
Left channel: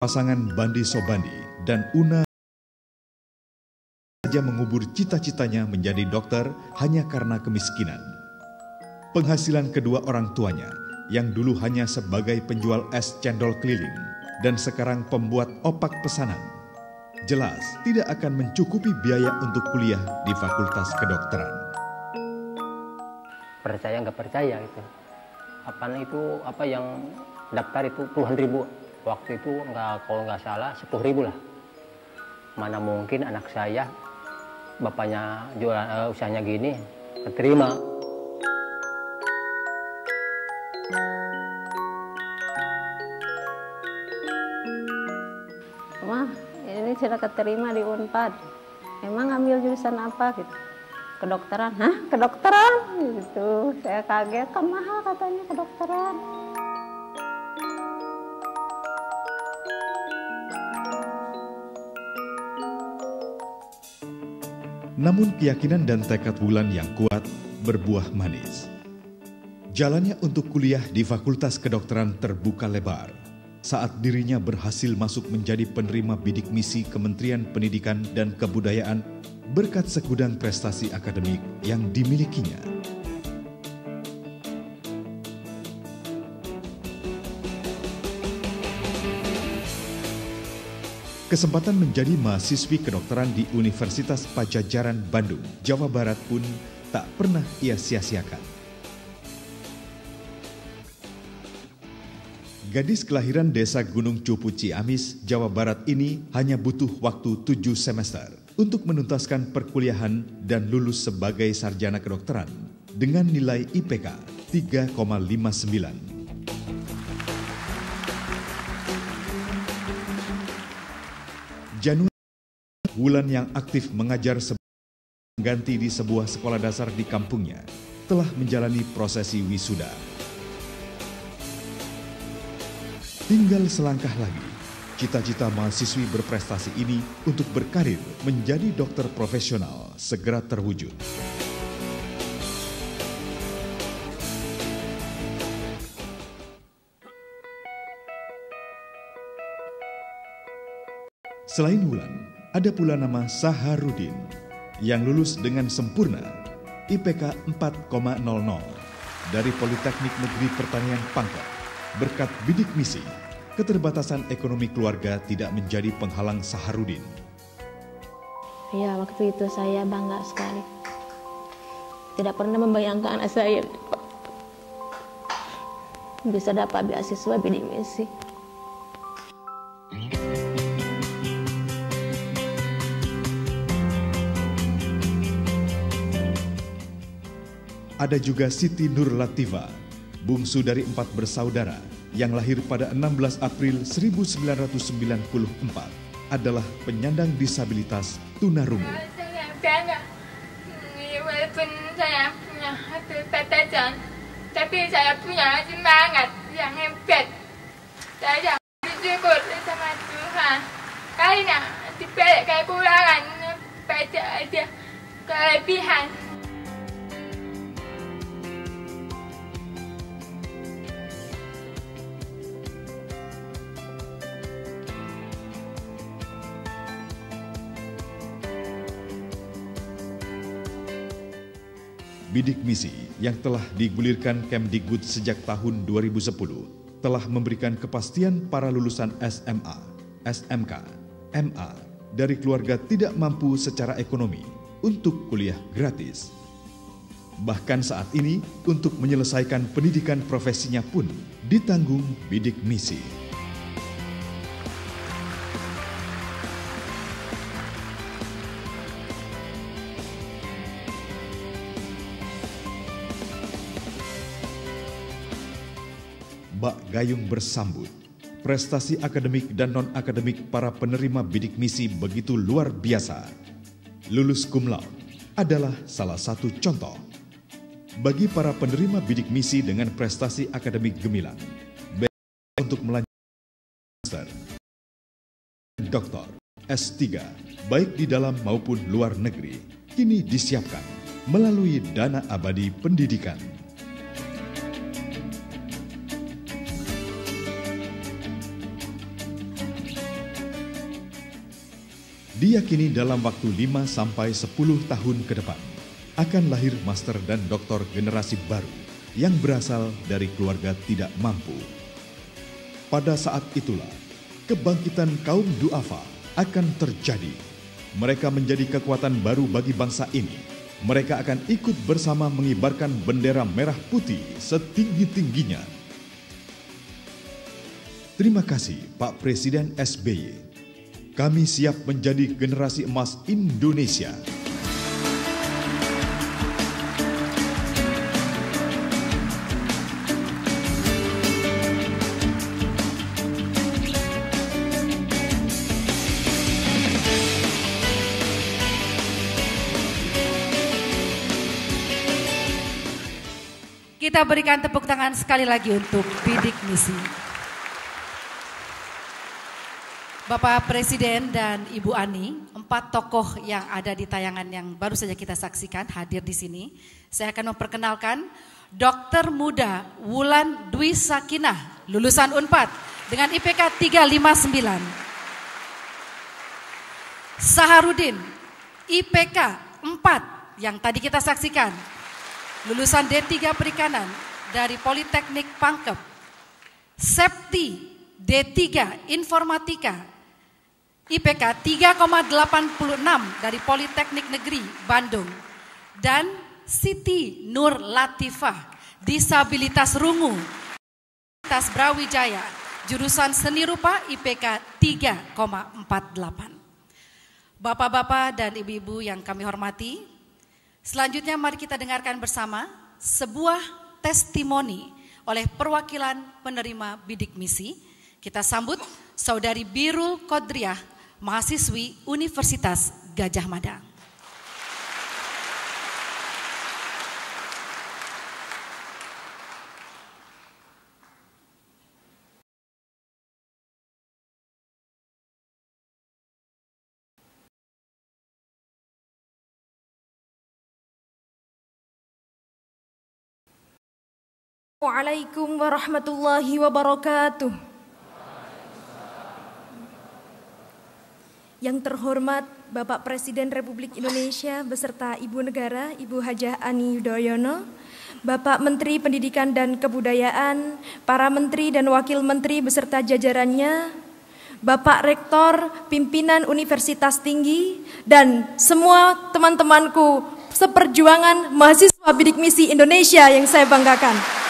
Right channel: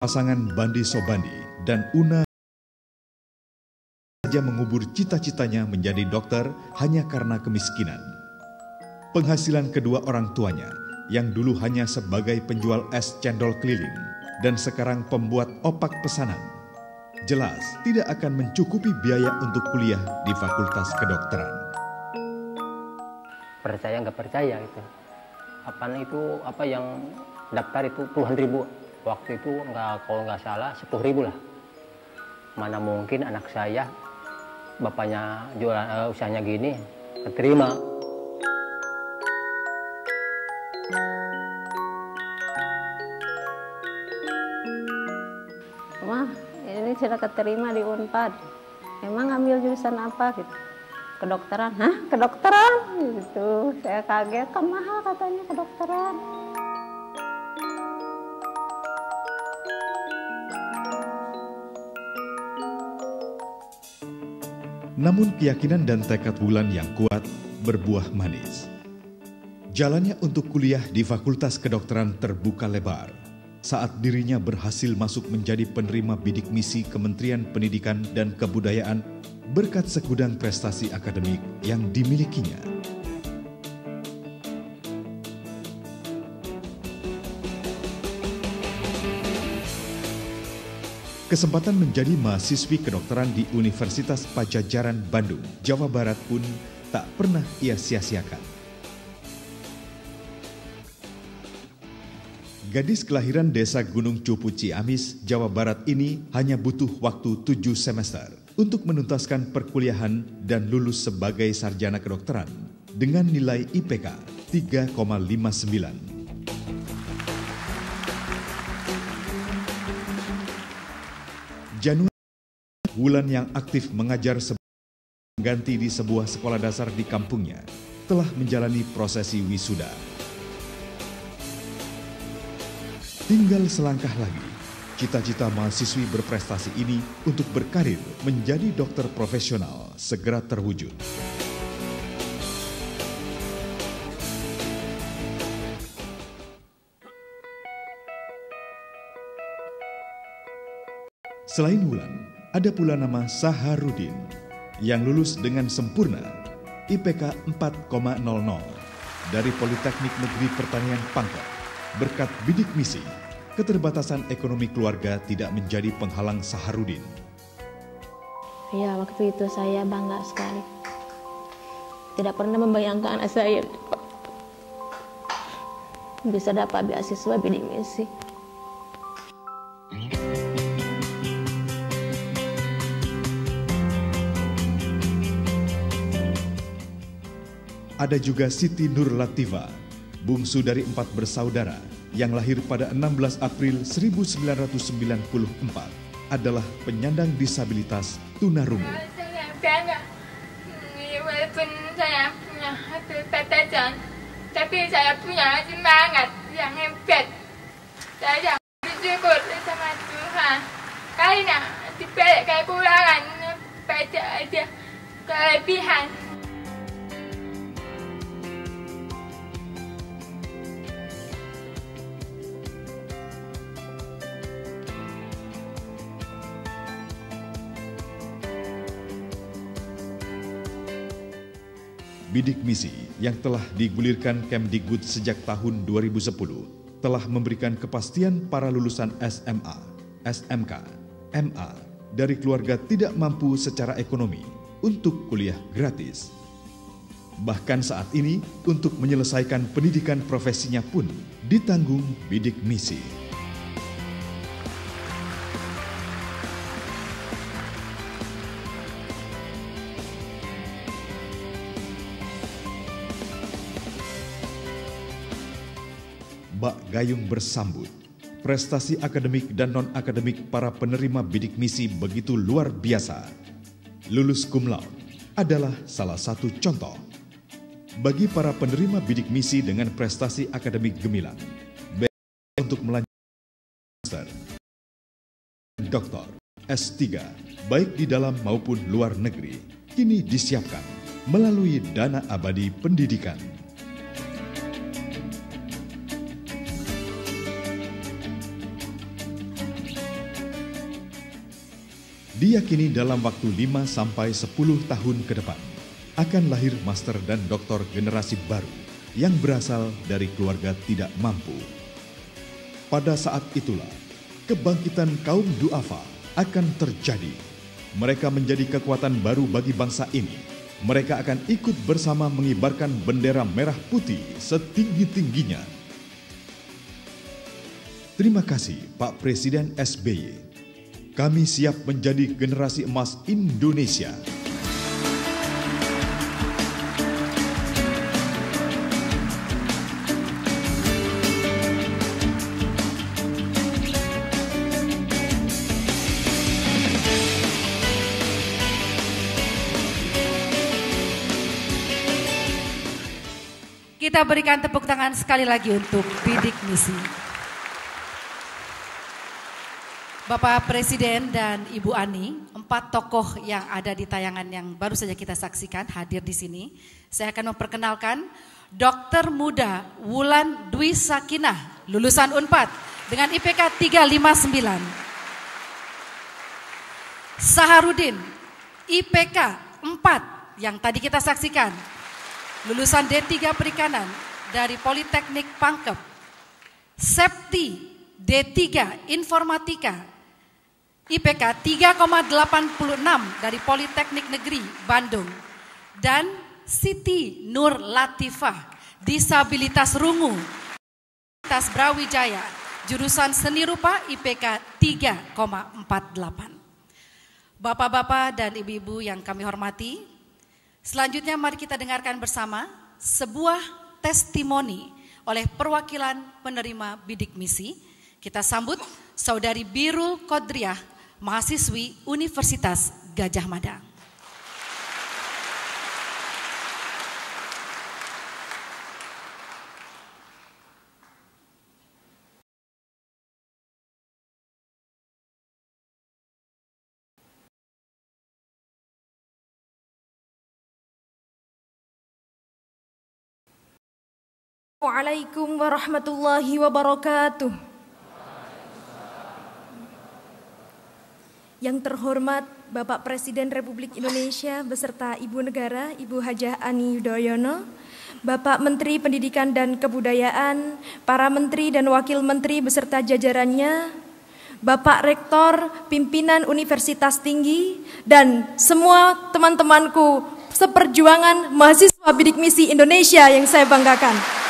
Pasangan Bandi Sobandi dan Una saja mengubur cita-citanya menjadi dokter hanya karena kemiskinan. Penghasilan kedua orang tuanya yang dulu hanya sebagai penjual es cendol keliling dan sekarang pembuat opak pesanan, jelas tidak akan mencukupi biaya untuk kuliah di Fakultas Kedokteran. Percaya nggak percaya itu. Apa yang daftar itu puluhan ribu. Waktu itu kalau nggak salah 10.000 lah. Mana mungkin anak saya bapaknya jual usahanya gini keterima. Wah, ini sudah keterima di Unpad. Emang ambil jurusan apa gitu? Kedokteran. Hah? Kedokteran? Gitu. Saya kaget, kan mahal katanya kedokteran. Namun keyakinan dan tekad Wulan yang kuat berbuah manis. Jalannya untuk kuliah di Fakultas Kedokteran terbuka lebar saat dirinya berhasil masuk menjadi penerima bidik misi Kementerian Pendidikan dan Kebudayaan berkat segudang prestasi akademik yang dimilikinya. Kesempatan menjadi mahasiswi kedokteran di Universitas Padjadjaran Bandung, Jawa Barat pun tak pernah ia sia-siakan. Gadis kelahiran desa Gunung Cupu Ciamis, Jawa Barat ini hanya butuh waktu 7 semester untuk menuntaskan perkuliahan dan lulus sebagai sarjana kedokteran dengan nilai IPK 3,59. Januari, Wulan yang aktif mengajar ganti di sebuah sekolah dasar di kampungnya telah menjalani prosesi wisuda. Tinggal selangkah lagi, cita-cita mahasiswi berprestasi ini untuk berkarir menjadi dokter profesional segera terwujud. Selain Wulan, ada pula nama Saharudin yang lulus dengan sempurna IPK 4,00 dari Politeknik Negeri Pertanian Pangkep. Berkat bidik misi, keterbatasan ekonomi keluarga tidak menjadi penghalang Saharudin. Ya, waktu itu saya bangga sekali. Tidak pernah membayangkan anak saya bisa dapat beasiswa bidik misi. Ada juga Siti Nur Latifa, bungsu dari 4 bersaudara yang lahir pada 16 April 1994, adalah penyandang disabilitas tunarungu. Walaupun saya punya keterbatasan, tapi saya punya semangat yang hebat. Saya bersyukur sama Tuhan karena dibalik kekurangan pada ada kelebihan. Bidik misi yang telah digulirkan Kemdikbud sejak tahun 2010 telah memberikan kepastian para lulusan SMA, SMK, MA dari keluarga tidak mampu secara ekonomi untuk kuliah gratis. Bahkan saat ini untuk menyelesaikan pendidikan profesinya pun ditanggung bidik misi. Bak Gayung bersambut, prestasi akademik dan non-akademik para penerima bidik misi begitu luar biasa. Lulus cum laude adalah salah satu contoh. Bagi para penerima bidik misi dengan prestasi akademik gemilang, untuk melanjutkan master, doktor, S3, baik di dalam maupun luar negeri, kini disiapkan melalui dana abadi pendidikan. Diyakini dalam waktu 5-10 tahun ke depan akan lahir master dan doktor generasi baru yang berasal dari keluarga tidak mampu. Pada saat itulah kebangkitan kaum duafa akan terjadi. Mereka menjadi kekuatan baru bagi bangsa ini. Mereka akan ikut bersama mengibarkan bendera merah putih setinggi-tingginya. Terima kasih Pak Presiden SBY. Kami siap menjadi generasi emas Indonesia. Kita berikan tepuk tangan sekali lagi untuk bidik misi. Bapak Presiden dan Ibu Ani, 4 tokoh yang ada di tayangan yang baru saja kita saksikan hadir di sini. Saya akan memperkenalkan Dokter Muda Wulan Dwi Sakinah, lulusan Unpad dengan IPK 359. Saharudin, IPK 4 yang tadi kita saksikan, lulusan D3 Perikanan dari Politeknik Pangkep. Septi, D3 Informatika, IPK 3,86 dari Politeknik Negeri Bandung. Dan Siti Nur Latifah, disabilitas rungu, Universitas Brawijaya, jurusan Seni Rupa, IPK 3,48. Bapak-bapak dan ibu-ibu yang kami hormati, selanjutnya mari kita dengarkan bersama sebuah testimoni oleh perwakilan penerima bidik misi. Kita sambut Saudari Birul Kodriah, mahasiswi Universitas Gajah Mada. Waalaikumsalam warahmatullahi wabarakatuh. Yang terhormat Bapak Presiden Republik Indonesia beserta Ibu Negara, Ibu Hajah Ani Yudhoyono, Bapak Menteri Pendidikan dan Kebudayaan, para Menteri dan Wakil Menteri beserta jajarannya, Bapak Rektor, pimpinan Universitas Tinggi, dan semua teman-temanku seperjuangan mahasiswa bidik misi Indonesia yang saya banggakan.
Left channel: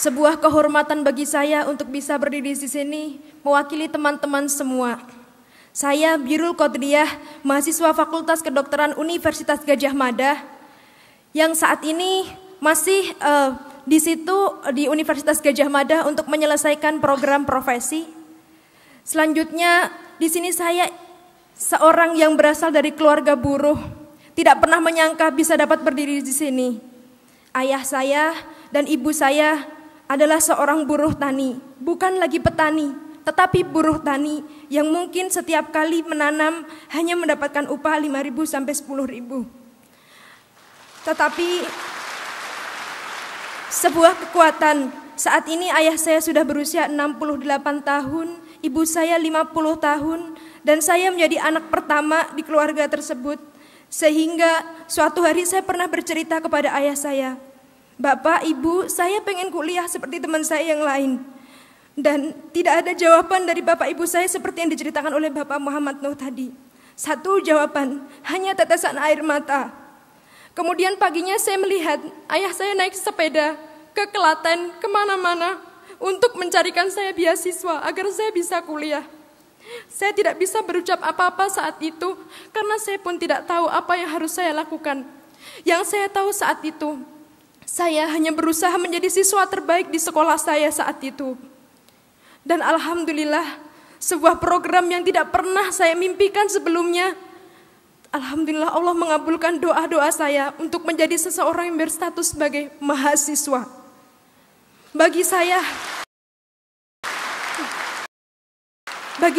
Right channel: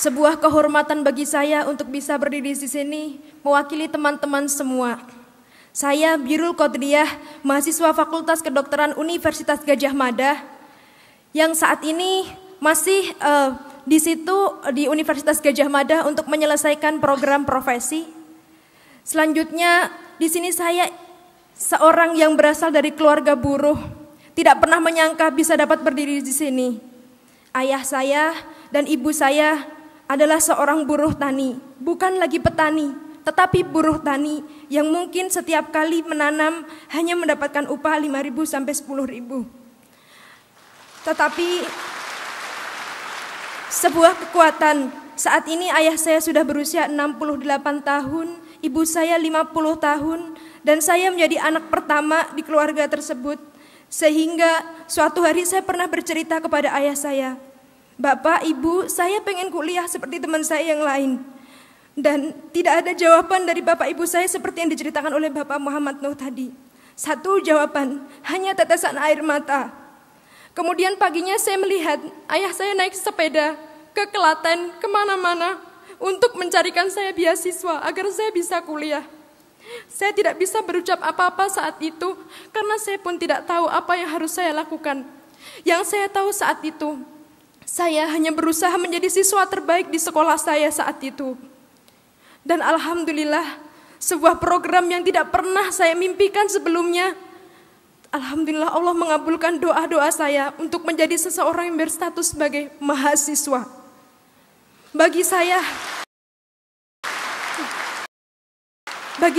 Sebuah kehormatan bagi saya untuk bisa berdiri di sini mewakili teman-teman semua. Saya Birul Qodriyah, mahasiswa Fakultas Kedokteran Universitas Gadjah Mada, yang saat ini masih di situ di Universitas Gadjah Mada untuk menyelesaikan program profesi. Selanjutnya, di sini saya seorang yang berasal dari keluarga buruh, tidak pernah menyangka bisa dapat berdiri di sini. Ayah saya dan ibu saya adalah seorang buruh tani, bukan lagi petani, tetapi buruh tani yang mungkin setiap kali menanam hanya mendapatkan upah 5.000 sampai 10.000. Tetapi sebuah kekuatan, saat ini ayah saya sudah berusia 68 tahun, ibu saya 50 tahun, dan saya menjadi anak pertama di keluarga tersebut. Sehingga suatu hari saya pernah bercerita kepada ayah saya, "Bapak, Ibu, saya pengen kuliah seperti teman saya yang lain." Dan tidak ada jawaban dari bapak ibu saya seperti yang diceritakan oleh Bapak Muhammad Nuh tadi. Satu jawaban, hanya tetesan air mata. Kemudian paginya saya melihat ayah saya naik sepeda ke Klaten, kemana-mana, untuk mencarikan saya beasiswa agar saya bisa kuliah. Saya tidak bisa berucap apa-apa saat itu, karena saya pun tidak tahu apa yang harus saya lakukan. Yang saya tahu saat itu, saya hanya berusaha menjadi siswa terbaik di sekolah saya saat itu. Dan alhamdulillah, sebuah program yang tidak pernah saya mimpikan sebelumnya, alhamdulillah Allah mengabulkan doa-doa saya untuk menjadi seseorang yang berstatus sebagai mahasiswa. Bagi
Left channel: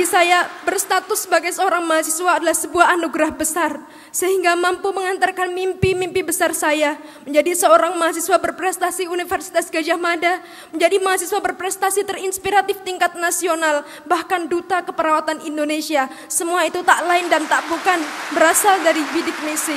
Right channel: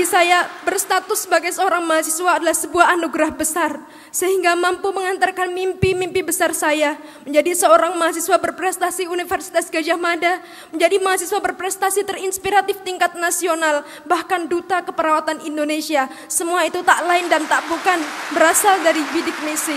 saya berstatus sebagai seorang mahasiswa adalah sebuah anugerah besar, sehingga mampu mengantarkan mimpi-mimpi besar saya menjadi seorang mahasiswa berprestasi Universitas Gadjah Mada, menjadi mahasiswa berprestasi terinspiratif tingkat nasional, bahkan duta keperawatan Indonesia. Semua itu tak lain dan tak bukan berasal dari bidik misi.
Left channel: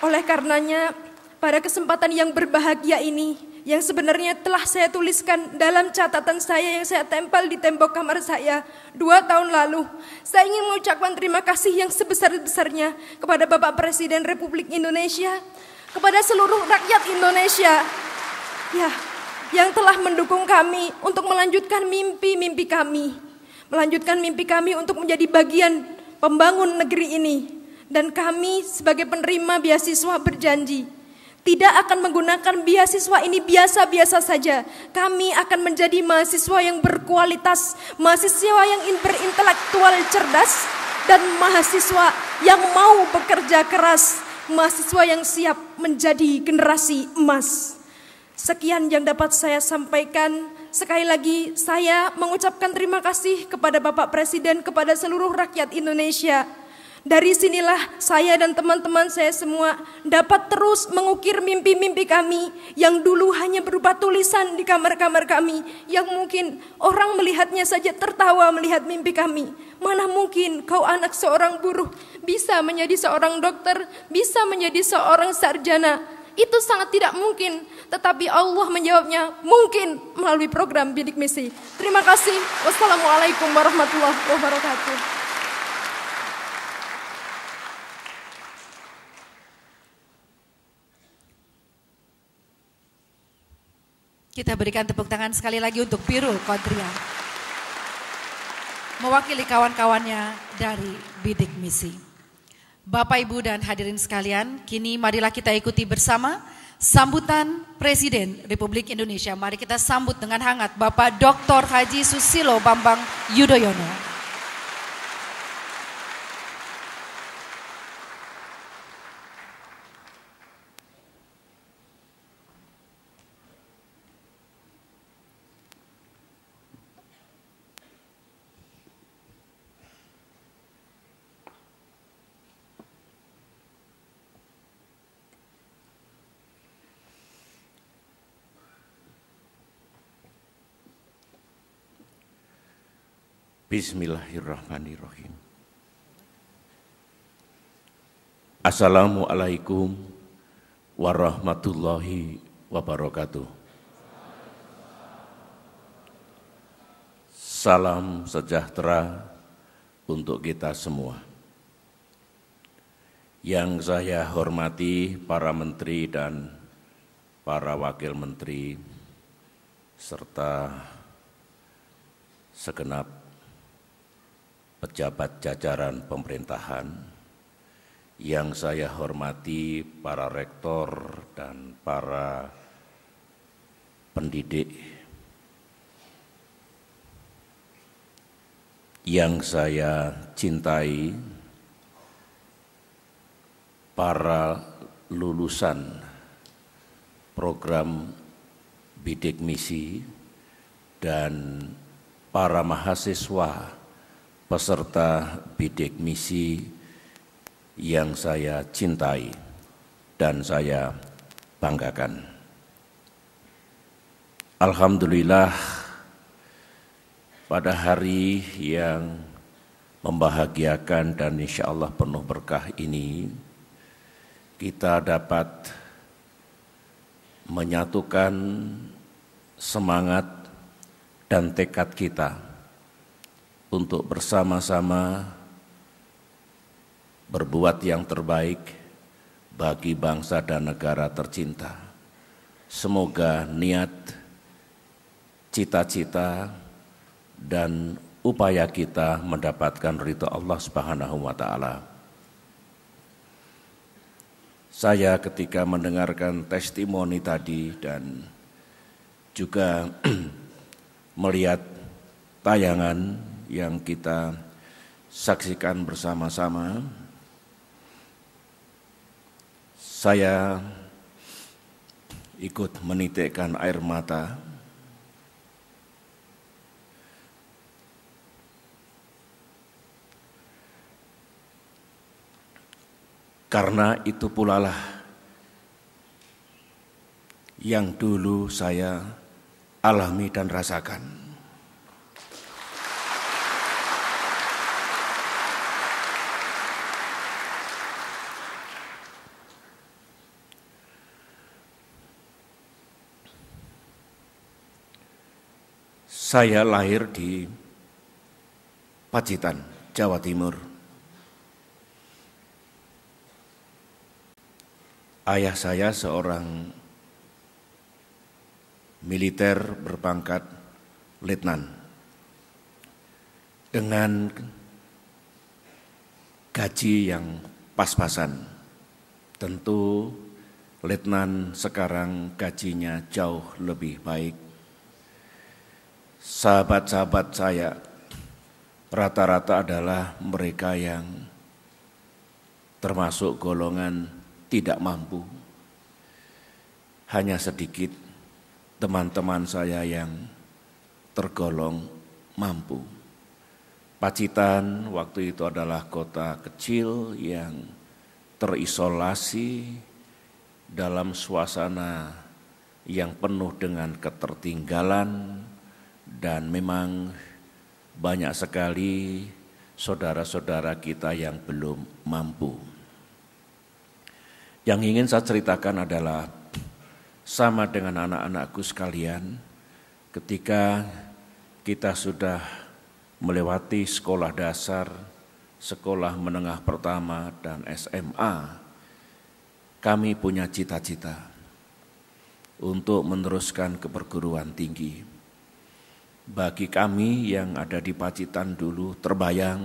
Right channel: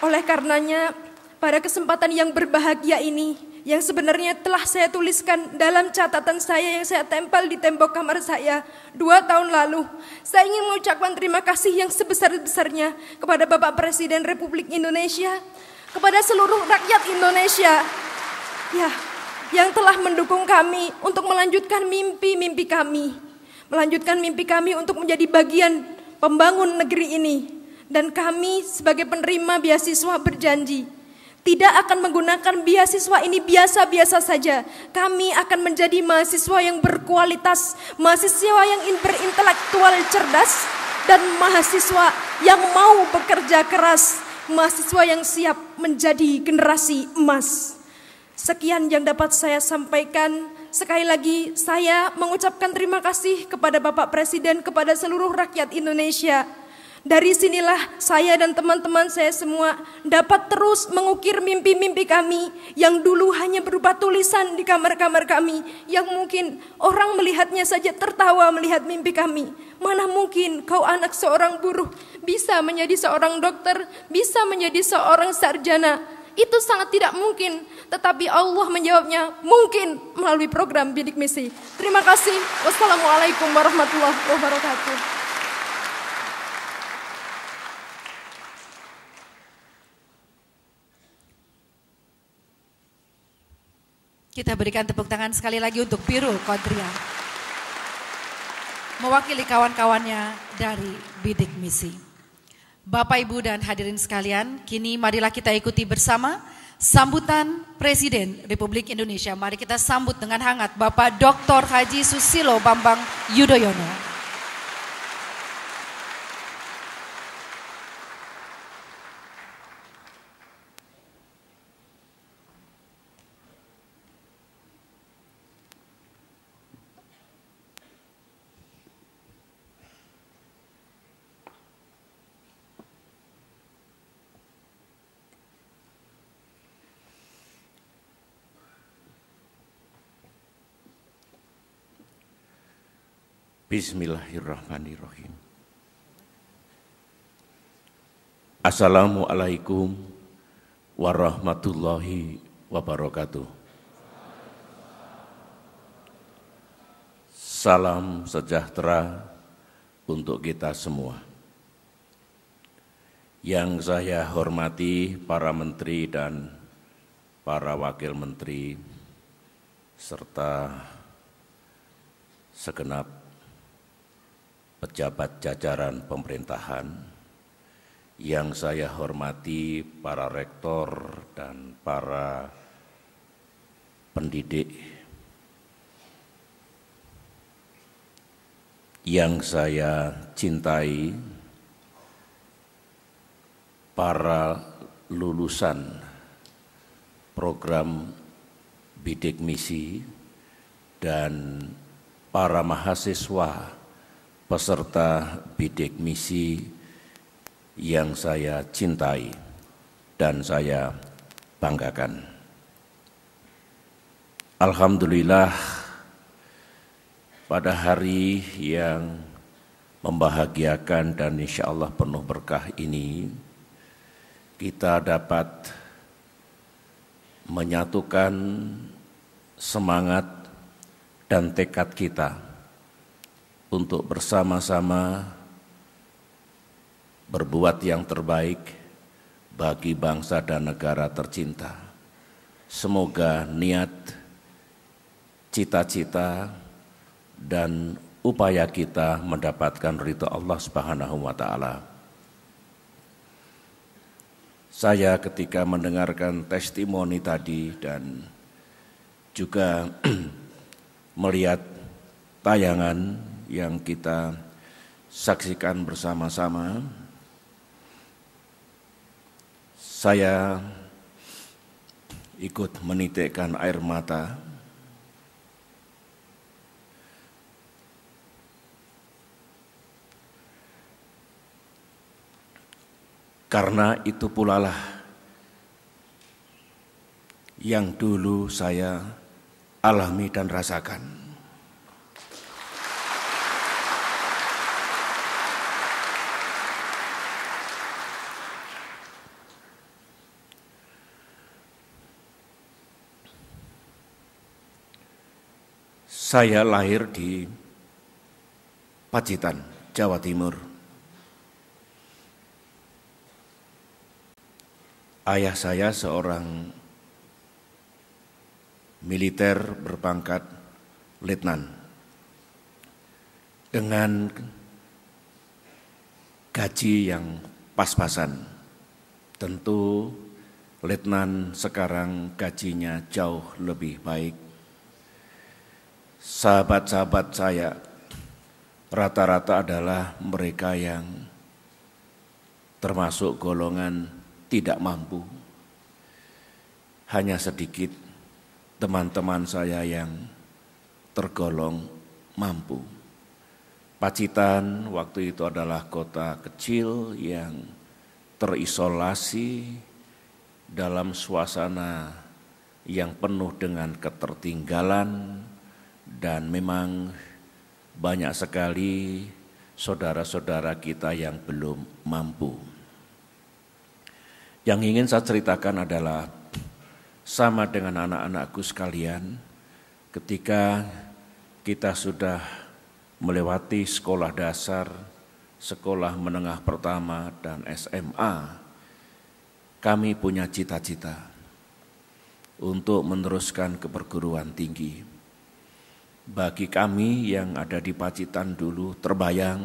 Oleh karenanya, pada kesempatan yang berbahagia ini, yang sebenarnya telah saya tuliskan dalam catatan saya yang saya tempel di tembok kamar saya 2 tahun lalu, saya ingin mengucapkan terima kasih yang sebesar-besarnya kepada Bapak Presiden Republik Indonesia, kepada seluruh rakyat Indonesia, ya, yang telah mendukung kami untuk melanjutkan mimpi-mimpi kami, untuk menjadi bagian pembangun negeri ini. Dan kami sebagai penerima beasiswa berjanji tidak akan menggunakan beasiswa ini biasa-biasa saja. Kami akan menjadi mahasiswa yang berkualitas, mahasiswa yang berintelektual cerdas, dan mahasiswa yang mau bekerja keras, mahasiswa yang siap menjadi generasi emas. Sekian yang dapat saya sampaikan. Sekali lagi saya mengucapkan terima kasih kepada Bapak Presiden, kepada seluruh rakyat Indonesia. Dari sinilah saya dan teman-teman saya semua dapat terus mengukir mimpi-mimpi kami yang dulu hanya berupa tulisan di kamar-kamar kami, yang mungkin orang melihatnya saja tertawa melihat mimpi kami. Mana mungkin kau anak seorang buruh bisa menjadi seorang dokter, bisa menjadi seorang sarjana. Itu sangat tidak mungkin, tetapi Allah menjawabnya mungkin melalui program bidik misi. Terima kasih. Wassalamualaikum warahmatullahi wabarakatuh. Kita berikan tepuk tangan sekali lagi untuk Birul Qodriyah, mewakili kawan-kawannya dari bidik misi. Bapak, Ibu, dan hadirin sekalian, kini marilah kita ikuti bersama sambutan Presiden Republik Indonesia. Mari kita sambut dengan hangat Bapak Dr. Haji Susilo Bambang Yudhoyono. Bismillahirrahmanirrahim. Assalamualaikum warahmatullahi wabarakatuh. Salam sejahtera untuk kita semua. Yang saya hormati para menteri dan para wakil menteri, serta segenap pejabat jajaran pemerintahan, yang saya hormati para rektor dan para pendidik, yang saya cintai, para lulusan program bidik misi dan para mahasiswa peserta bidik misi yang saya cintai dan saya banggakan. Alhamdulillah, pada hari yang membahagiakan dan insya Allah penuh berkah ini, kita dapat menyatukan semangat dan tekad kita untuk bersama-sama berbuat yang terbaik bagi bangsa dan negara tercinta. Semoga niat, cita-cita, dan upaya kita mendapatkan ridha Allah Subhanahu wa Ta'ala. Saya ketika mendengarkan testimoni tadi dan juga melihat tayangan yang kita saksikan bersama-sama, saya ikut menitikkan air mata karena itu pula lah yang dulu saya alami dan rasakan. Saya lahir di Pacitan, Jawa Timur. Ayah saya seorang militer berpangkat letnan dengan gaji yang pas-pasan. Tentu letnan sekarang gajinya jauh lebih baik. Sahabat-sahabat saya rata-rata adalah mereka yang termasuk golongan tidak mampu. Hanya sedikit teman-teman saya yang tergolong mampu. Pacitan waktu itu adalah kota kecil yang terisolasi dalam suasana yang penuh dengan ketertinggalan, dan memang banyak sekali saudara-saudara kita yang belum mampu. Yang ingin saya ceritakan adalah sama dengan anak-anakku sekalian, ketika kita sudah melewati sekolah dasar, sekolah menengah pertama, dan SMA, kami punya cita-cita untuk meneruskan ke perguruan tinggi. Bagi kami yang ada di Pacitan dulu terbayang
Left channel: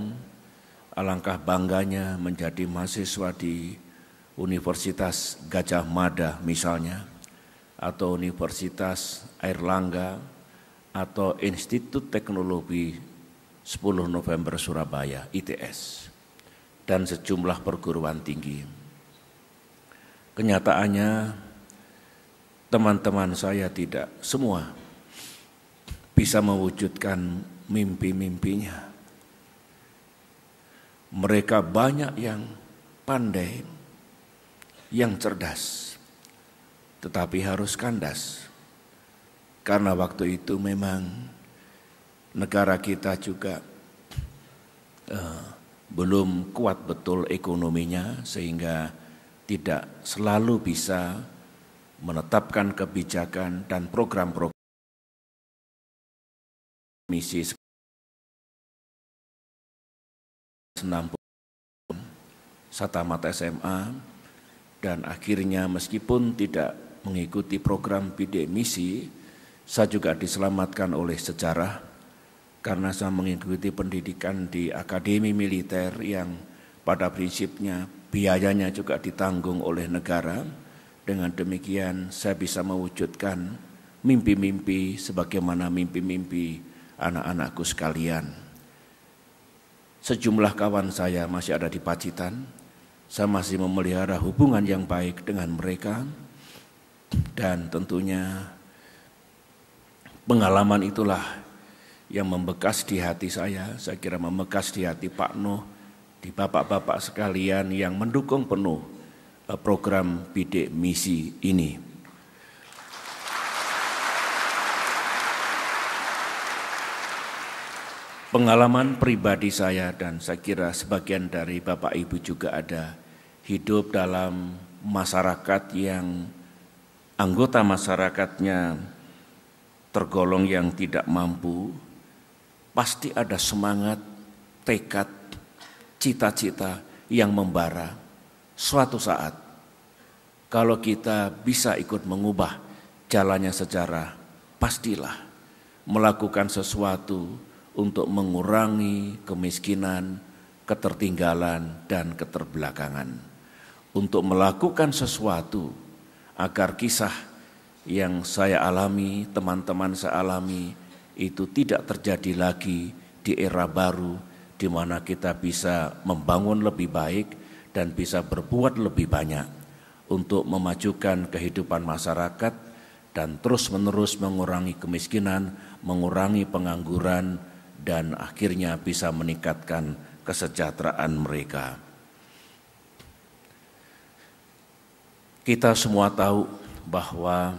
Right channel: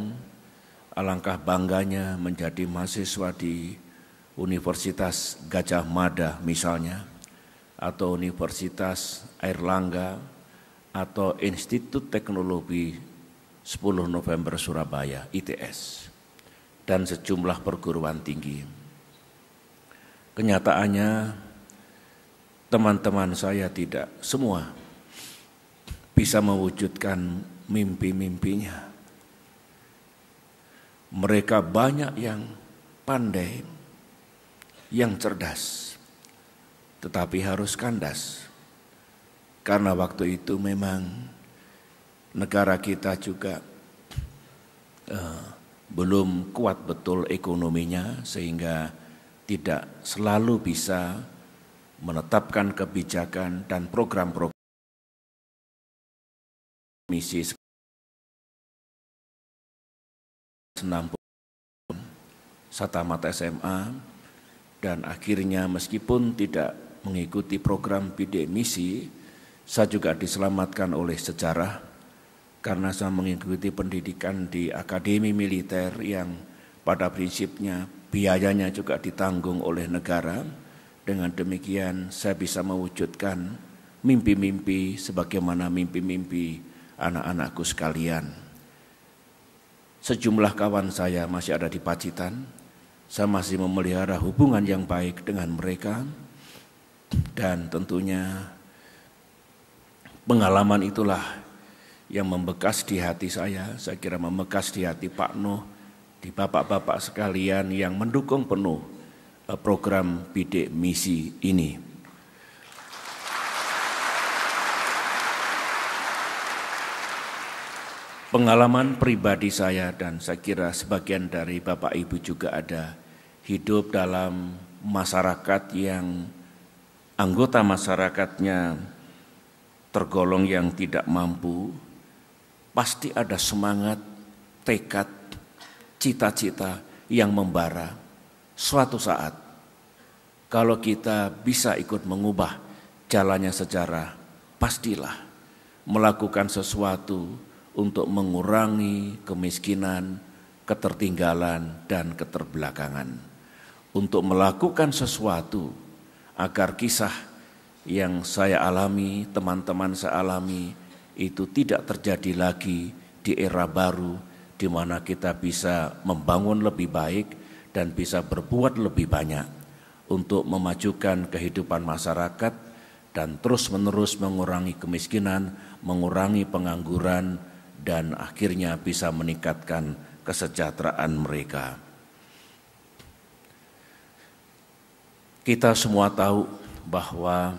alangkah bangganya menjadi mahasiswa di Universitas Gajah Mada misalnya, atau Universitas Airlangga, atau Institut Teknologi 10 November Surabaya, ITS, dan sejumlah perguruan tinggi. Kenyataannya teman-teman saya tidak semua bisa mewujudkan mimpi-mimpinya. Mereka banyak yang pandai, yang cerdas, tetapi harus kandas. Karena waktu itu memang negara kita juga belum kuat betul ekonominya, sehingga tidak selalu bisa menetapkan kebijakan dan program-program misi 60 saya tamat SMA, dan akhirnya meskipun tidak mengikuti program bidik misi, saya juga diselamatkan oleh sejarah karena saya mengikuti pendidikan di akademi militer yang pada prinsipnya biayanya juga ditanggung oleh negara. Dengan demikian saya bisa mewujudkan mimpi-mimpi sebagaimana mimpi-mimpi anak-anakku sekalian. Sejumlah kawan saya masih ada di Pacitan. Saya masih memelihara hubungan yang baik dengan mereka. Dan tentunya pengalaman itulah yang membekas di hati saya kira membekas di hati Pak Nuh, di bapak-bapak sekalian yang mendukung penuh program bidik misi ini. Pengalaman pribadi saya dan saya kira sebagian dari Bapak Ibu juga ada, hidup dalam masyarakat yang anggota masyarakatnya tergolong yang tidak mampu, pasti ada semangat, tekad, cita-cita yang membara. Suatu saat, kalau kita bisa ikut mengubah jalannya sejarah, pastilah melakukan sesuatu untuk mengurangi kemiskinan, ketertinggalan, dan keterbelakangan. Untuk melakukan sesuatu agar kisah yang saya alami, teman-teman saya alami, itu tidak terjadi lagi di era baru di mana kita bisa membangun lebih baik dan bisa berbuat lebih banyak untuk memajukan kehidupan masyarakat dan terus-menerus mengurangi kemiskinan, mengurangi pengangguran, dan akhirnya bisa meningkatkan kesejahteraan mereka. Kita semua tahu bahwa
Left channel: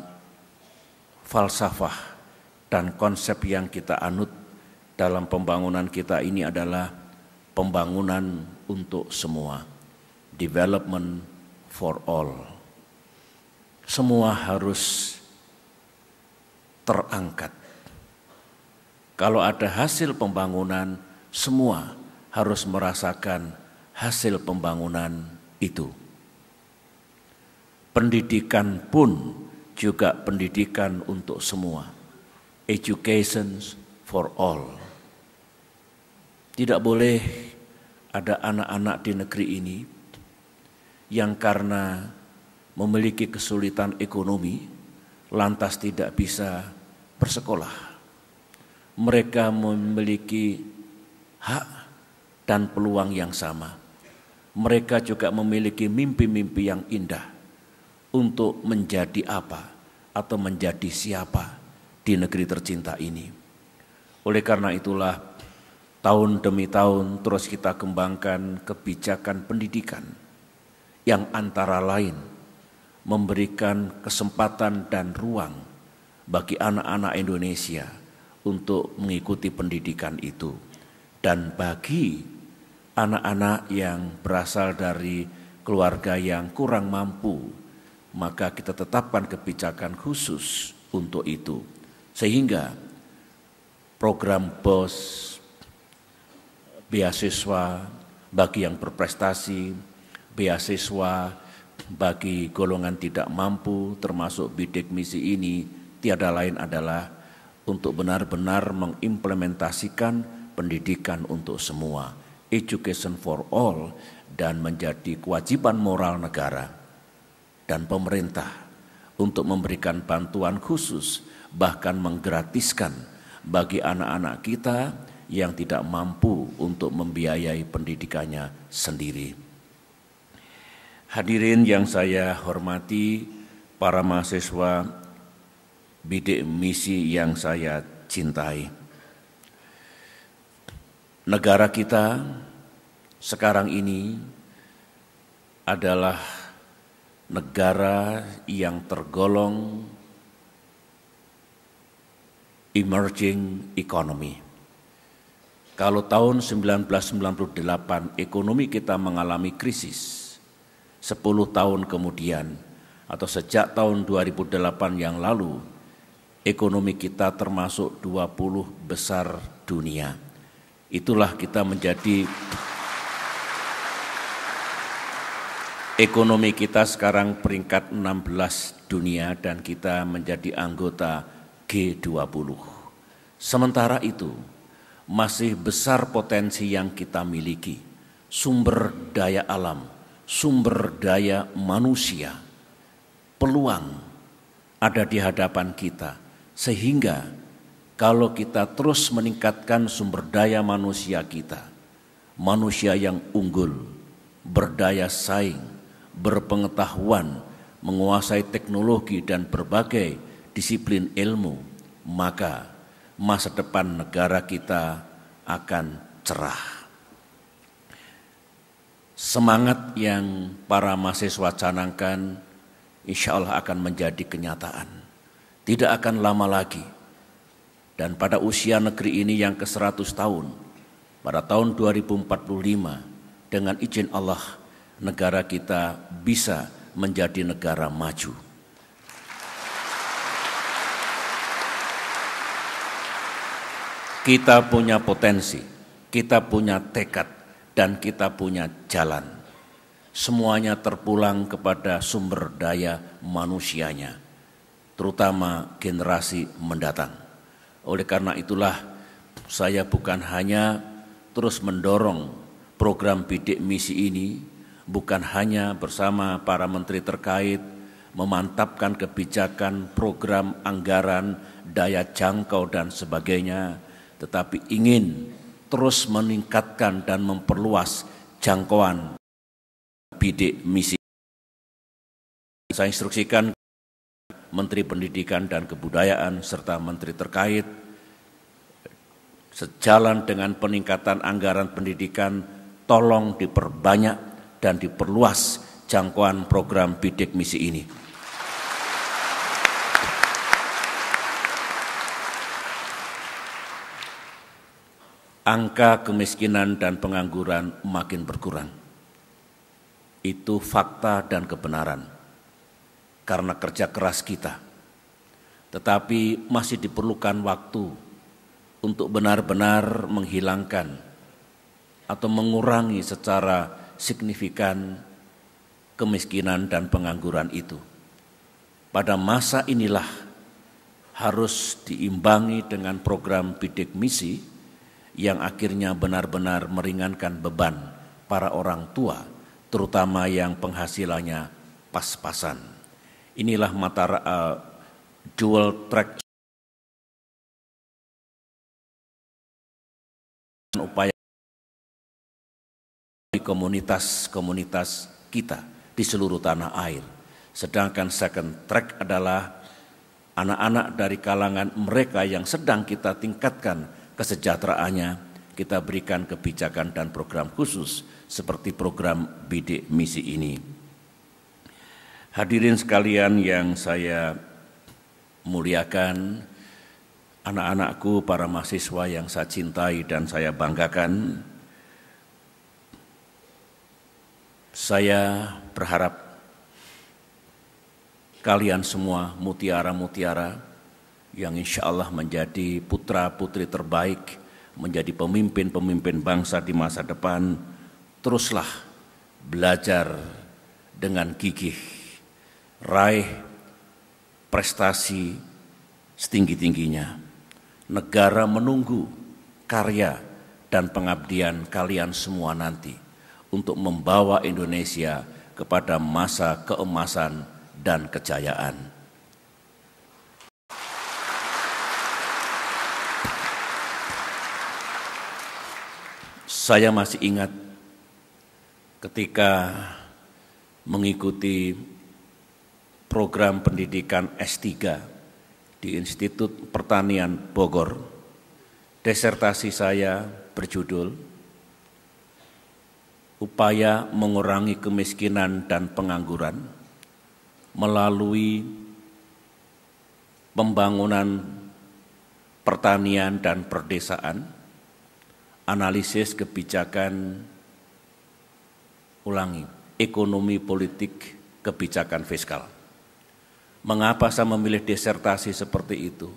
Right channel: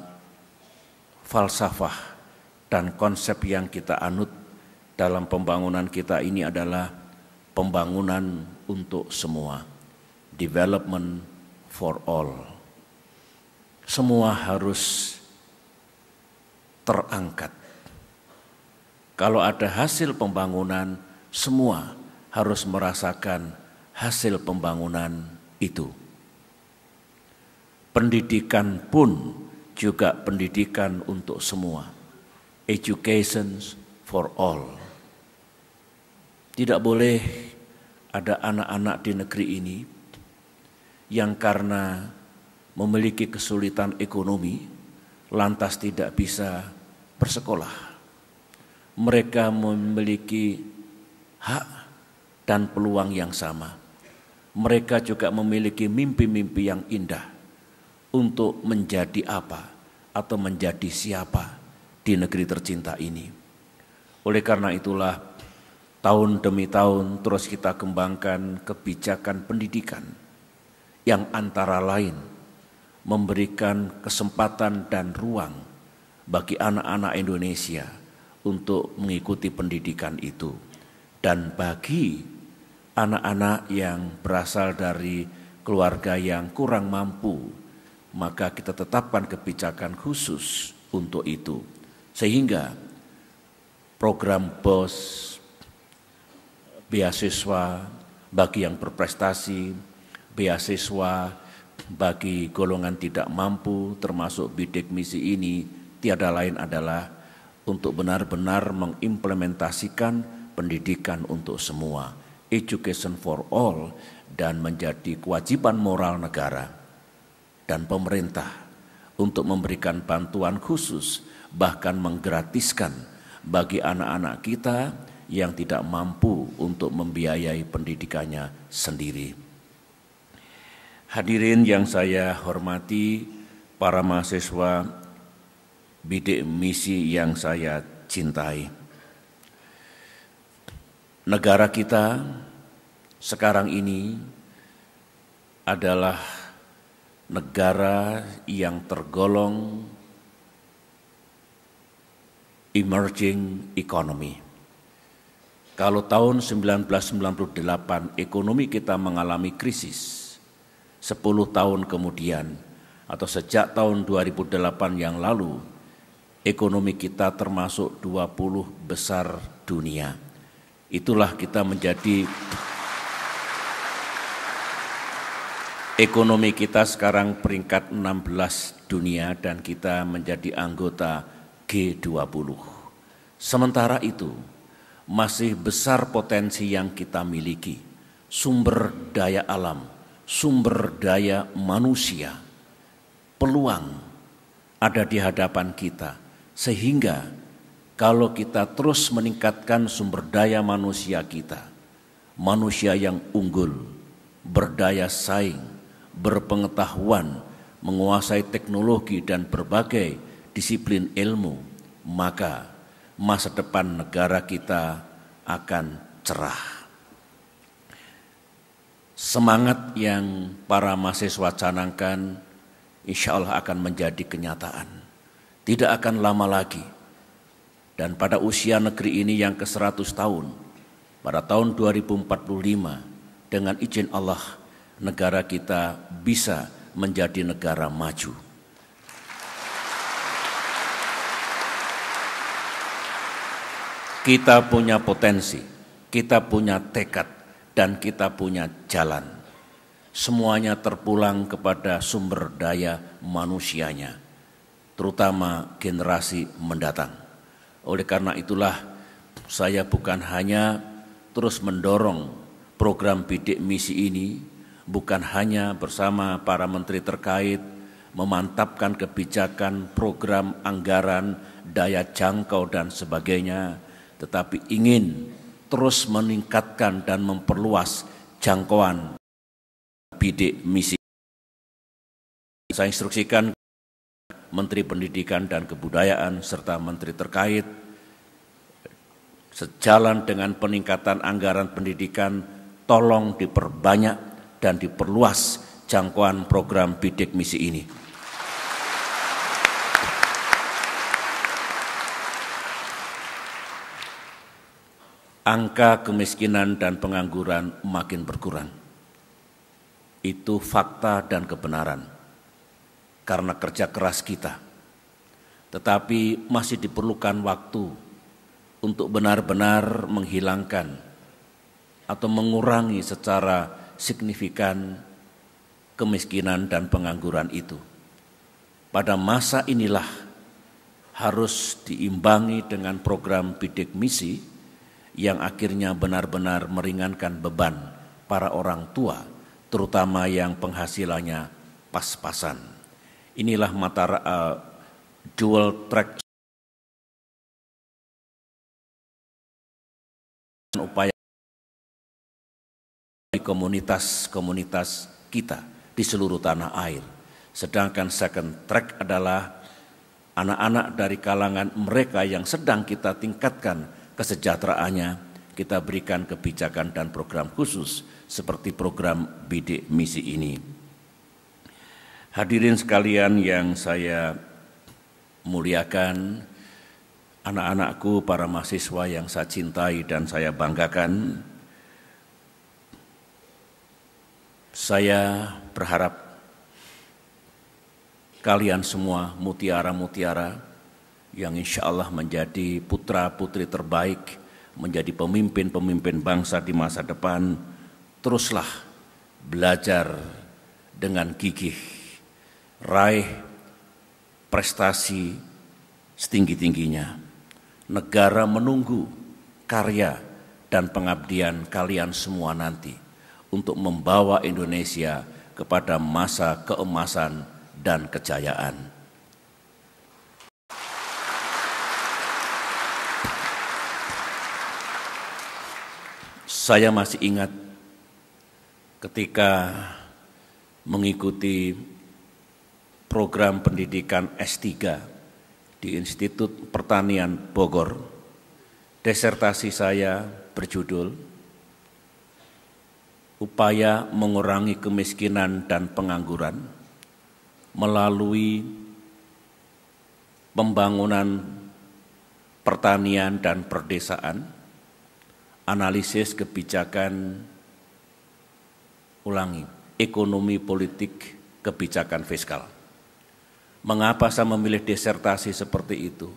falsafah dan konsep yang kita anut dalam pembangunan kita ini adalah pembangunan untuk semua, development for all. Semua harus terangkat. Kalau ada hasil pembangunan, semua harus merasakan hasil pembangunan itu. Pendidikan pun juga pendidikan untuk semua. Education for all. Tidak boleh ada anak-anak di negeri ini yang karena memiliki kesulitan ekonomi lantas tidak bisa bersekolah. Mereka memiliki hak dan peluang yang sama. Mereka juga memiliki mimpi-mimpi yang indah untuk menjadi apa atau menjadi siapa di negeri tercinta ini. Oleh karena itulah tahun demi tahun terus kita kembangkan kebijakan pendidikan yang antara lain memberikan kesempatan dan ruang bagi anak-anak Indonesia untuk mengikuti pendidikan itu. Dan bagi anak-anak yang berasal dari keluarga yang kurang mampu, maka kita tetapkan kebijakan khusus untuk itu. Sehingga program BOS, beasiswa bagi yang berprestasi, beasiswa bagi golongan tidak mampu termasuk bidik misi ini tiada lain adalah untuk benar-benar mengimplementasikan pendidikan untuk semua, education for all, dan menjadi kewajiban moral negara dan pemerintah untuk memberikan bantuan khusus bahkan menggratiskan bagi anak-anak kita yang tidak mampu untuk membiayai pendidikannya sendiri. Hadirin yang saya hormati, para mahasiswa bidik misi yang saya cintai. Negara kita sekarang ini adalah negara yang tergolong emerging economy. Kalau tahun 1998 ekonomi kita mengalami krisis, 10 tahun kemudian atau sejak tahun 2008 yang lalu, ekonomi kita termasuk 20 besar dunia. Itulah kita menjadi, ekonomi kita sekarang peringkat 16 dunia dan kita menjadi anggota G20. Sementara itu, masih besar potensi yang kita miliki, sumber daya alam, sumber daya manusia, peluang ada di hadapan kita, sehingga kalau kita terus meningkatkan sumber daya manusia kita, manusia yang unggul, berdaya saing, berpengetahuan, menguasai teknologi dan berbagai disiplin ilmu, maka masa depan negara kita akan cerah. Semangat yang para mahasiswa canangkan insya Allah akan menjadi kenyataan. Tidak akan lama lagi. Dan pada usia negeri ini yang ke-100 tahun, pada tahun 2045, dengan izin Allah, negara kita bisa menjadi negara maju. Kita punya potensi, kita punya tekad, dan kita punya jalan. Semuanya terpulang kepada sumber daya manusianya, terutama generasi mendatang. Oleh karena itulah saya bukan hanya terus mendorong program bidik misi ini, bukan hanya bersama para menteri terkait memantapkan kebijakan, program, anggaran, daya jangkau dan sebagainya, tetapi ingin terus meningkatkan dan memperluas jangkauan bidik misi. Saya instruksikan Menteri Pendidikan dan Kebudayaan serta menteri terkait, sejalan dengan peningkatan anggaran pendidikan, tolong diperbanyak dan diperluas jangkauan program bidik misi ini. Angka kemiskinan dan pengangguran makin berkurang. Itu fakta dan kebenaran karena kerja keras kita. Tetapi masih diperlukan waktu untuk benar-benar menghilangkan atau mengurangi secara signifikan kemiskinan dan pengangguran itu. Pada masa inilah harus diimbangi dengan program bidik misi yang akhirnya benar-benar meringankan beban para orang tua, terutama yang penghasilannya pas-pasan. Inilah dual track upaya komunitas-komunitas kita di seluruh tanah air. Sedangkan second track adalah anak-anak dari kalangan mereka yang sedang kita tingkatkan kesejahteraannya, kita berikan kebijakan dan program khusus seperti program bidik misi ini. Hadirin sekalian yang saya muliakan, anak-anakku, para mahasiswa yang saya cintai dan saya banggakan, saya berharap kalian semua mutiara-mutiara yang insya Allah menjadi putra-putri terbaik, menjadi pemimpin-pemimpin bangsa di masa depan, teruslah belajar dengan gigih, raih prestasi setinggi-tingginya. Negara menunggu karya dan pengabdian kalian semua nanti untuk membawa Indonesia kepada masa keemasan dan kejayaan. Saya masih ingat ketika mengikuti program pendidikan S3 di Institut Pertanian Bogor. Disertasi saya berjudul Upaya Mengurangi Kemiskinan dan Pengangguran melalui pembangunan pertanian dan perdesaan, analisis kebijakan, ekonomi politik kebijakan fiskal. Mengapa saya memilih disertasi seperti itu?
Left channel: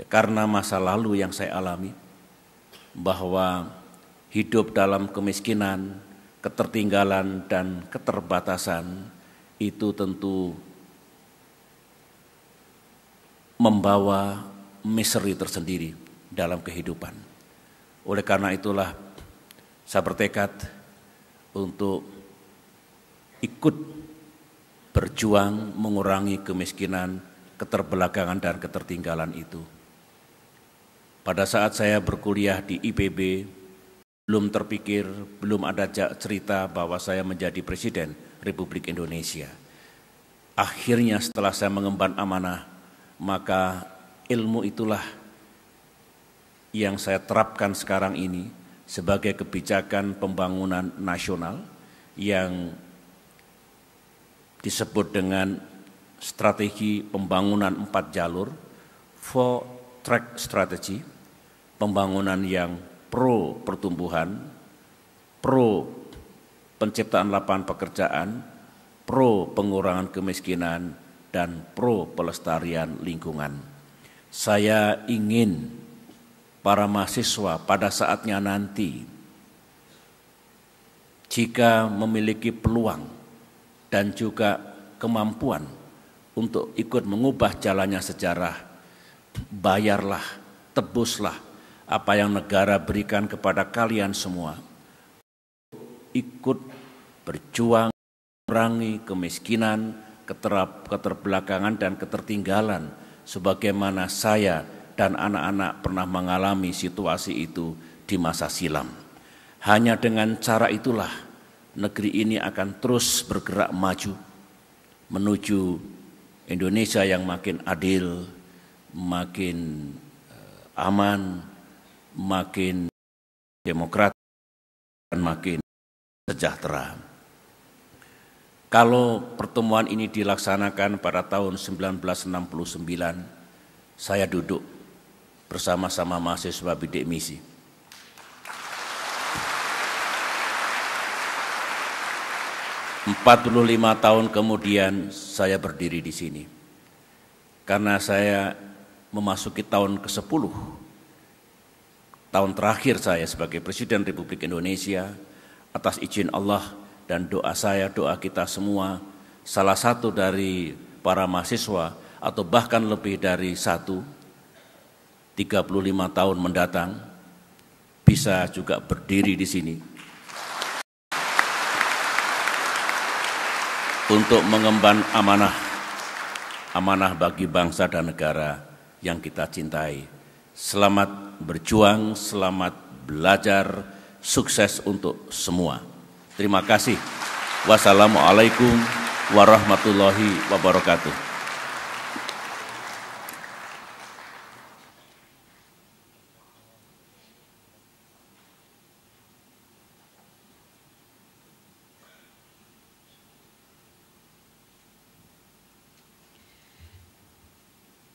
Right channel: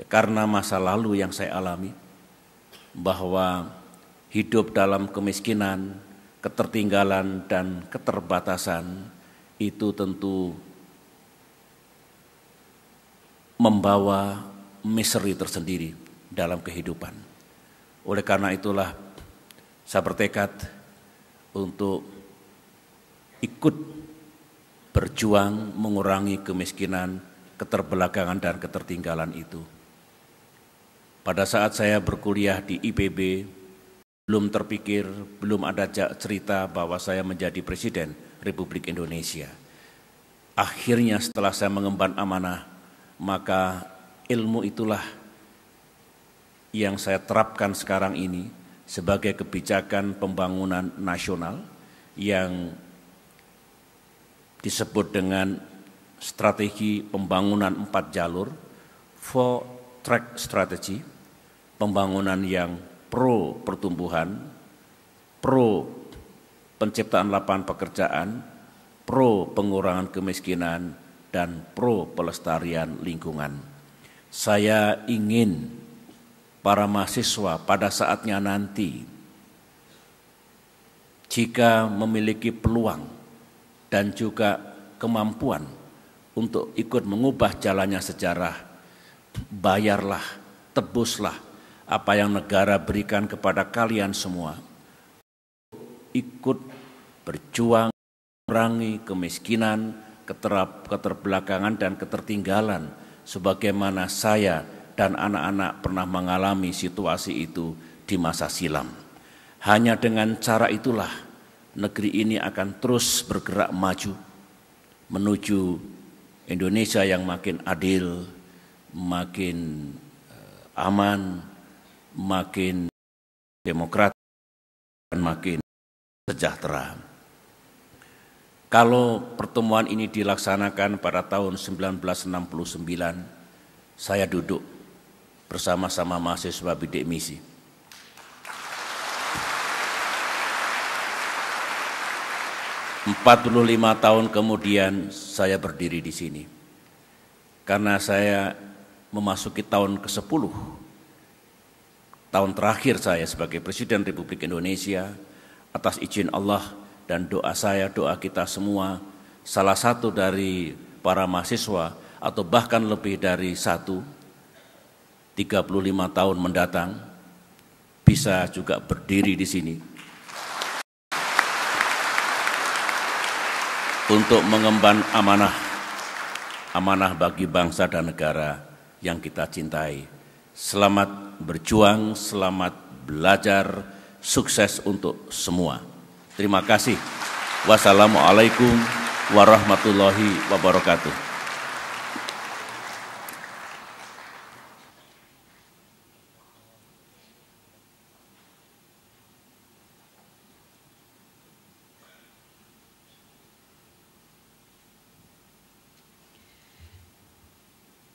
Ya, karena masa lalu yang saya alami, bahwa hidup dalam kemiskinan, ketertinggalan, dan keterbatasan itu tentu membawa misteri tersendiri dalam kehidupan. Oleh karena itulah saya bertekad untuk ikut berjuang mengurangi kemiskinan, keterbelakangan dan ketertinggalan itu. Pada saat saya berkuliah di IPB, belum terpikir, belum ada cerita bahwa saya menjadi Presiden Republik Indonesia. Akhirnya setelah saya mengemban amanah, maka ilmu itulah yang saya terapkan sekarang ini sebagai kebijakan pembangunan nasional yang disebut dengan strategi pembangunan 4 jalur, 4 track strategy, pembangunan yang pro pertumbuhan, pro penciptaan lapangan pekerjaan, pro pengurangan kemiskinan, dan pro pelestarian lingkungan. Saya ingin para mahasiswa pada saatnya nanti, jika memiliki peluang dan juga kemampuan untuk ikut mengubah jalannya sejarah, bayarlah, tebuslah apa yang negara berikan kepada kalian semua. Ikut berjuang mengurangi kemiskinan, keterbelakangan dan ketertinggalan sebagaimana saya dan anak-anak pernah mengalami situasi itu di masa silam. Hanya dengan cara itulah negeri ini akan terus bergerak maju menuju Indonesia yang makin adil, makin aman, makin demokratis, dan makin sejahtera. Kalau pertemuan ini dilaksanakan pada tahun 1969, saya duduk bersama-sama mahasiswa bidik misi. Empat 45 tahun kemudian saya berdiri di sini. Karena saya memasuki tahun ke-10, tahun terakhir saya sebagai Presiden Republik Indonesia, atas izin Allah dan doa saya, doa kita semua, salah satu dari para mahasiswa atau bahkan lebih dari 35 tahun mendatang bisa juga berdiri di sini untuk mengemban amanah bagi bangsa dan negara yang kita cintai. Selamat berjuang, selamat belajar, sukses untuk semua. Terima kasih. Wassalamualaikum warahmatullahi wabarakatuh.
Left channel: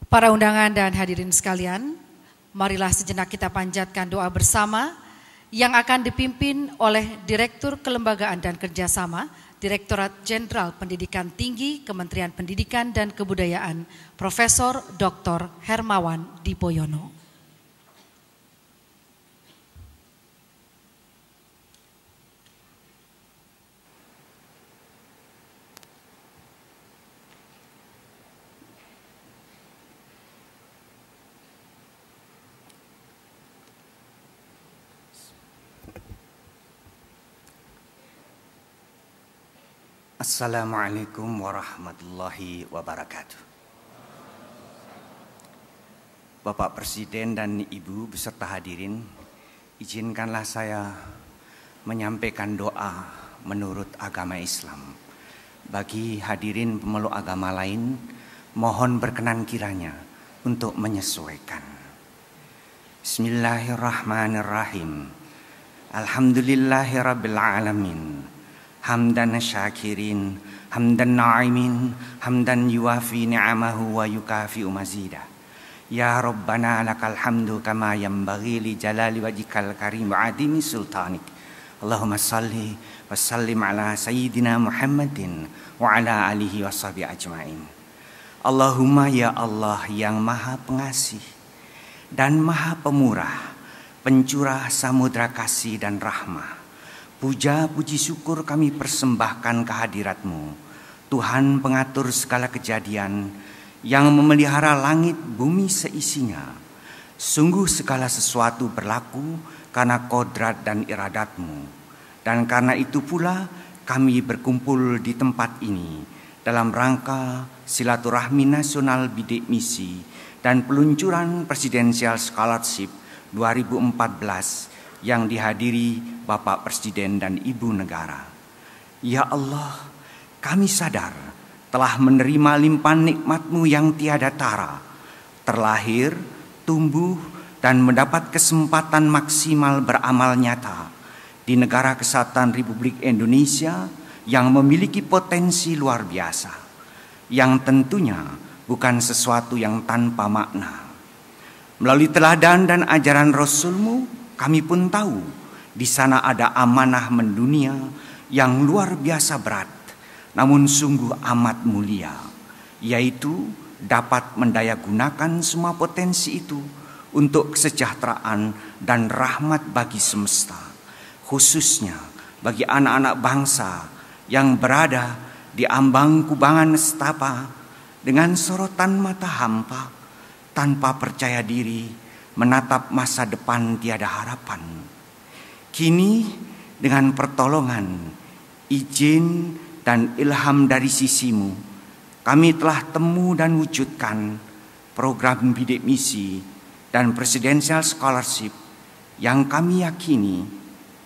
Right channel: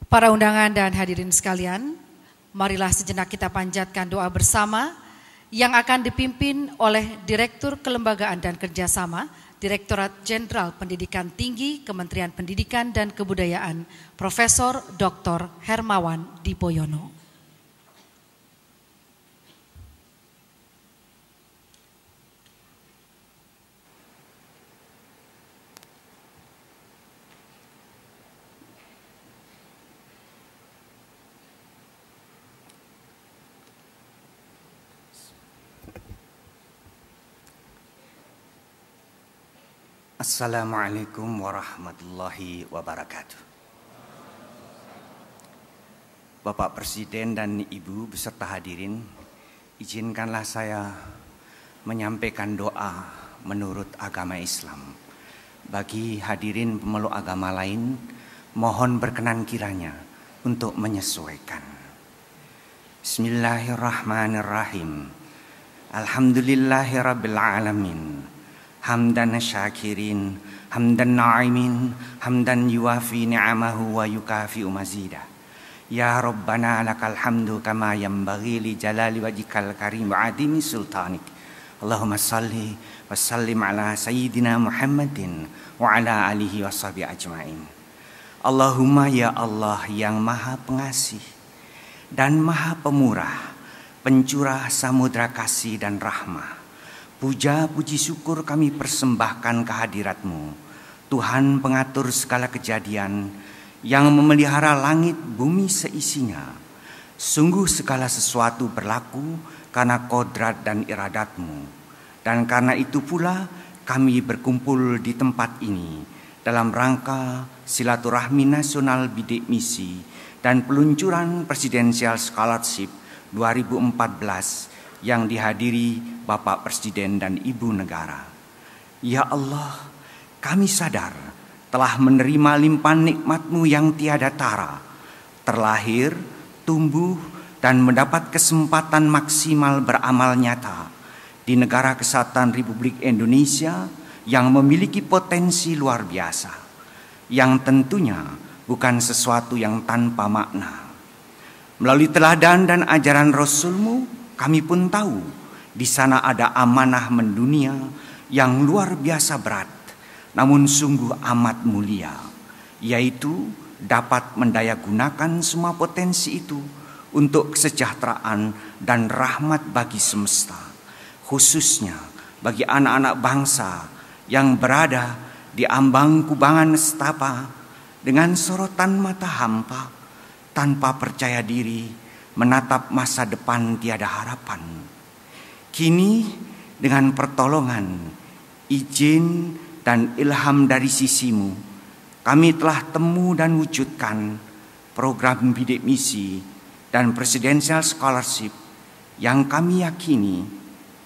Para undangan dan hadirin sekalian, marilah sejenak kita panjatkan doa bersama yang akan dipimpin oleh Direktur Kelembagaan dan Kerjasama, Direktorat Jenderal Pendidikan Tinggi, Kementerian Pendidikan dan Kebudayaan, Profesor Dr. Hermawan Dipoyono. Assalamualaikum warahmatullahi wabarakatuh. Bapak Presiden dan Ibu beserta hadirin, izinkanlah saya menyampaikan doa menurut agama Islam. Bagi hadirin pemeluk agama lain, mohon berkenan kiranya untuk menyesuaikan. Bismillahirrahmanirrahim. Alhamdulillahirabbil alamin. Hamdan syakirin, hamdan na'imin, hamdan yuwafi ni'amahu wa yukafi'u mazidah. Ya Rabbana lakal hamdu kama yanbaghi li jalali wajhikal karim wa adimi sultanik. Allahumma salli wa sallim ala sayyidina Muhammadin wa ala alihi wa sahbihi ajma'in. Allahumma ya Allah yang maha pengasih dan maha pemurah, pencurah samudra kasih dan rahmah. Puja puji syukur kami persembahkan kehadirat-Mu, Tuhan pengatur segala kejadian yang memelihara langit bumi seisinya. Sungguh segala sesuatu berlaku karena kodrat dan iradat-Mu. Dan karena itu pula kami berkumpul di tempat ini dalam rangka silaturahmi nasional bidik misi dan peluncuran Presidential Scholarship 2014 yang dihadiri Bapak Presiden dan Ibu Negara. Ya Allah, kami sadar telah menerima limpahan nikmat-Mu yang tiada tara, terlahir, tumbuh, dan mendapat kesempatan maksimal beramal nyata di negara kesatuan Republik Indonesia yang memiliki potensi luar biasa, yang tentunya bukan sesuatu yang tanpa makna. Melalui teladan dan ajaran Rasul-Mu, kami pun tahu di sana ada amanah mendunia yang luar biasa berat, namun sungguh amat mulia, yaitu dapat mendayagunakan semua potensi itu untuk kesejahteraan dan rahmat bagi semesta, khususnya bagi anak-anak bangsa yang berada di ambang kubangan nestapa dengan sorotan mata hampa, tanpa percaya diri, menatap masa depan tiada harapan. Kini dengan pertolongan, izin, dan ilham dari sisi-Mu, kami telah temu dan wujudkan program bidik misi dan Presidential Scholarship yang kami yakini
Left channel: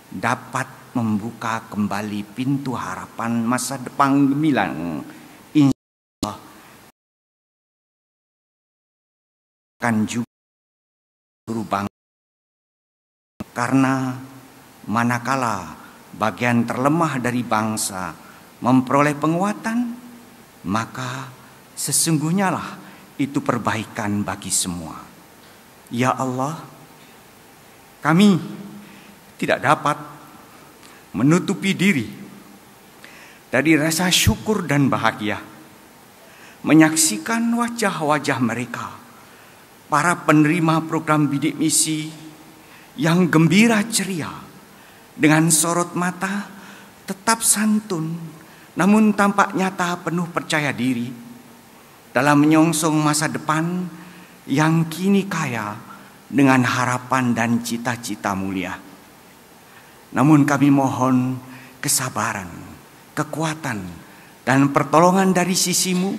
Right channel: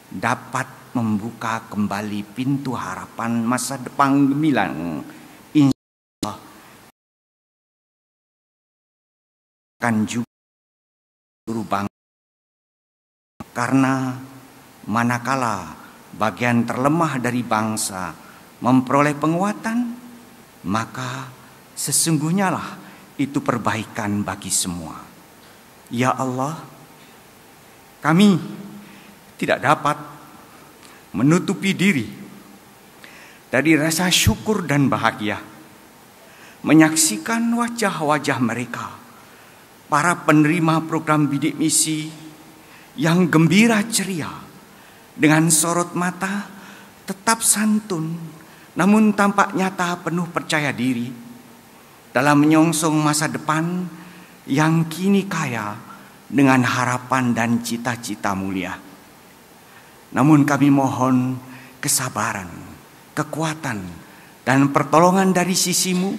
dapat membuka kembali pintu harapan masa depan gemilang. Insyaallah akan juga seluruh bangsa, karena manakala bagian terlemah dari bangsa memperoleh penguatan, maka sesungguhnya lah itu perbaikan bagi semua. Ya Allah, kami tidak dapat menutupi diri dari rasa syukur dan bahagia menyaksikan wajah-wajah mereka, para penerima program bidik misi yang gembira ceria, dengan sorot mata tetap santun, namun tampak nyata penuh percaya diri dalam menyongsong masa depan yang kini kaya dengan harapan dan cita-cita mulia. Namun kami mohon kesabaran, kekuatan, dan pertolongan dari sisi-Mu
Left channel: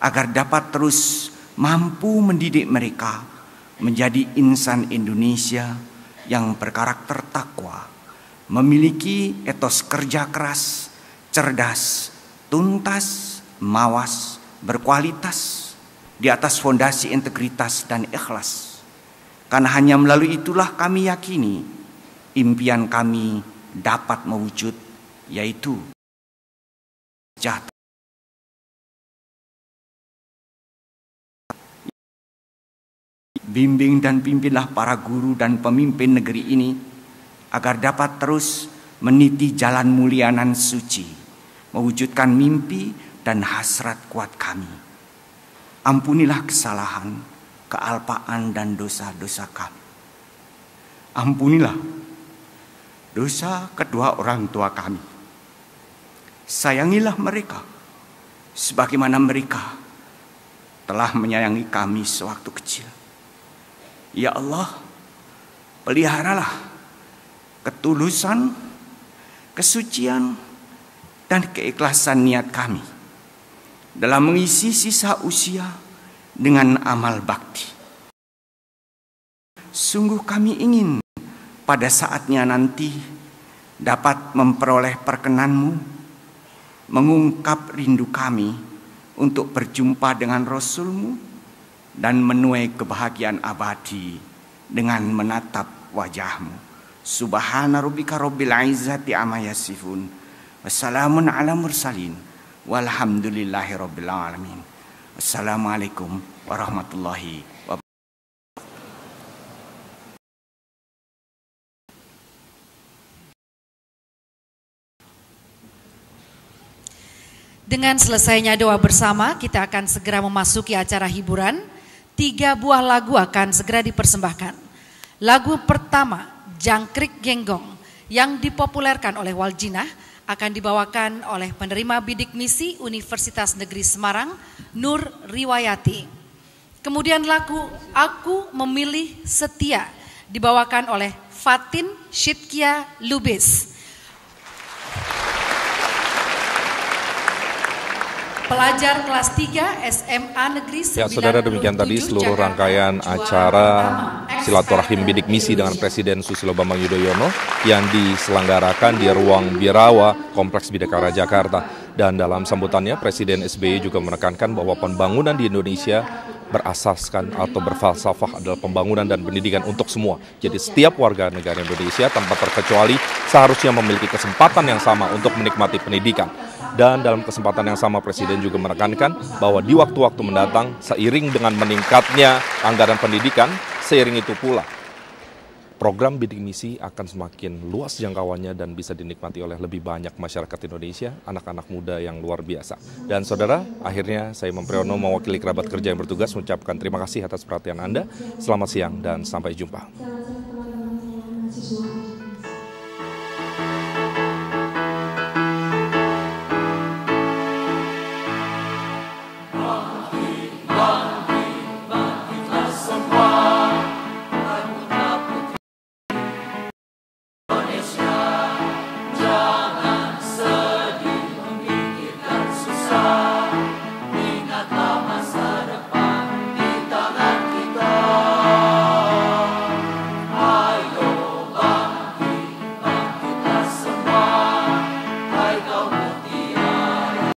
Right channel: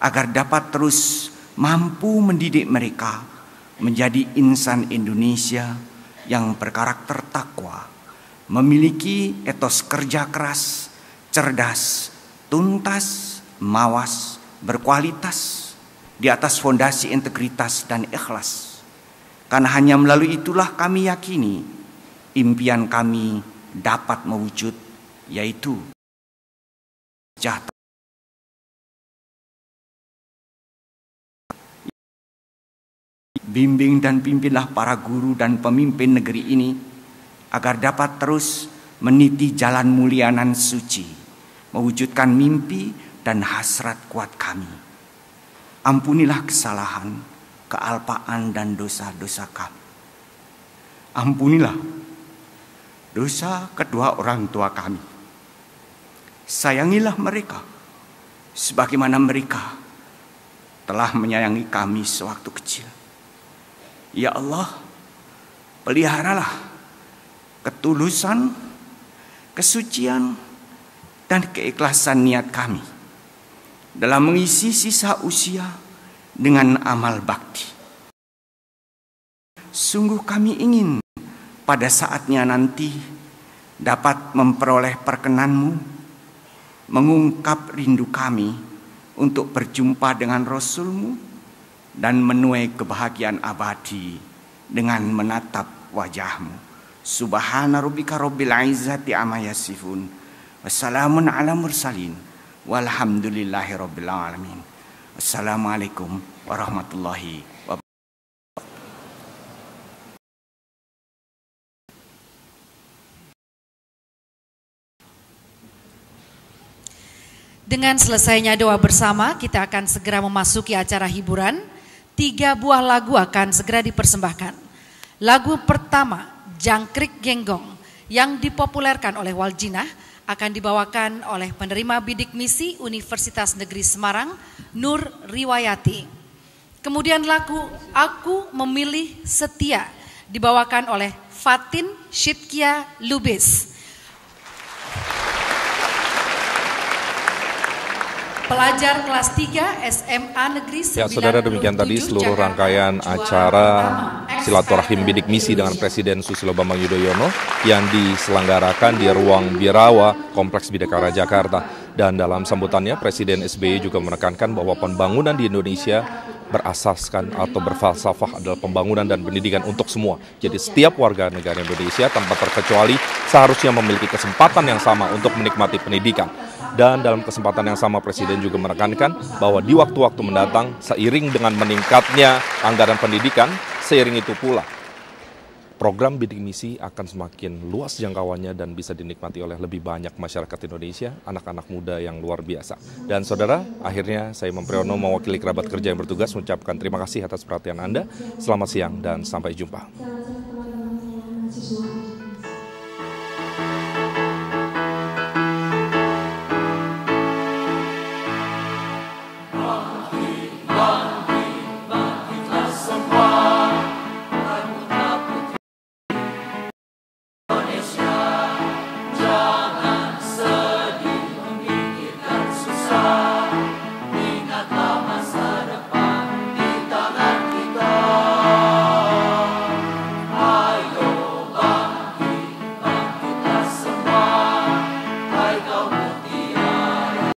agar dapat terus mampu mendidik mereka menjadi insan Indonesia yang berkarakter takwa, memiliki etos kerja keras, cerdas, tuntas, mawas, berkualitas di atas fondasi integritas dan ikhlas. Karena hanya melalui itulah kami yakini impian kami dapat mewujud, yaitu sejahtera. Bimbing dan pimpinlah para guru dan pemimpin negeri ini agar dapat terus meniti jalan mulia nan suci, mewujudkan mimpi dan hasrat kuat kami. Ampunilah kesalahan, kealpaan dan dosa-dosa kami. Ampunilah dosa kedua orang tua kami. Sayangilah mereka sebagaimana mereka telah menyayangi kami sewaktu kecil. Ya Allah, peliharalah ketulusan, kesucian, dan keikhlasan niat kami dalam mengisi sisa usia dengan amal bakti. Sungguh kami ingin pada saatnya nanti dapat memperoleh perkenan-Mu, mengungkap rindu kami untuk berjumpa dengan Rasul-Mu dan menuai kebahagiaan abadi dengan menatap wajah-Mu. Subhana rabbika rabbil izzati amma yasifun. Wassalamun ala mursalin. Walhamdulillahi rabbil alamin. Assalamualaikum warahmatullahi wabarakatuh. Dengan selesainya doa bersama, kita akan segera memasuki acara hiburan. 3 buah lagu akan segera dipersembahkan. Lagu pertama, Jangkrik Genggong, yang dipopulerkan oleh Waljina, akan dibawakan oleh penerima bidik misi Universitas Negeri Semarang, Nur Riwayati. Kemudian lagu Aku Memilih Setia, dibawakan oleh Fatin Shitkia Lubis. Pelajar kelas 3 SMA Negeri 97 Ya, saudara, demikian tadi seluruh rangkaian acara silaturahim bidik misi dengan Presiden Susilo Bambang Yudhoyono yang diselenggarakan di Ruang Birawa, Kompleks Bidakara, Jakarta. Dan dalam sambutannya, Presiden SBY juga menekankan bahwa pembangunan di Indonesia berasaskan atau berfalsafah adalah pembangunan dan pendidikan untuk semua. Jadi setiap warga negara Indonesia tanpa terkecuali seharusnya memiliki kesempatan yang sama untuk menikmati pendidikan. Dan dalam kesempatan yang sama, Presiden juga menekankan bahwa di waktu-waktu mendatang, seiring dengan meningkatnya anggaran pendidikan, seiring itu pula program bidik misi akan semakin luas jangkauannya dan bisa dinikmati oleh lebih banyak masyarakat Indonesia, anak-anak muda yang luar biasa. Dan saudara, akhirnya saya Mempriyono mewakili kerabat kerja yang bertugas mengucapkan terima kasih atas perhatian Anda. Selamat siang dan sampai jumpa.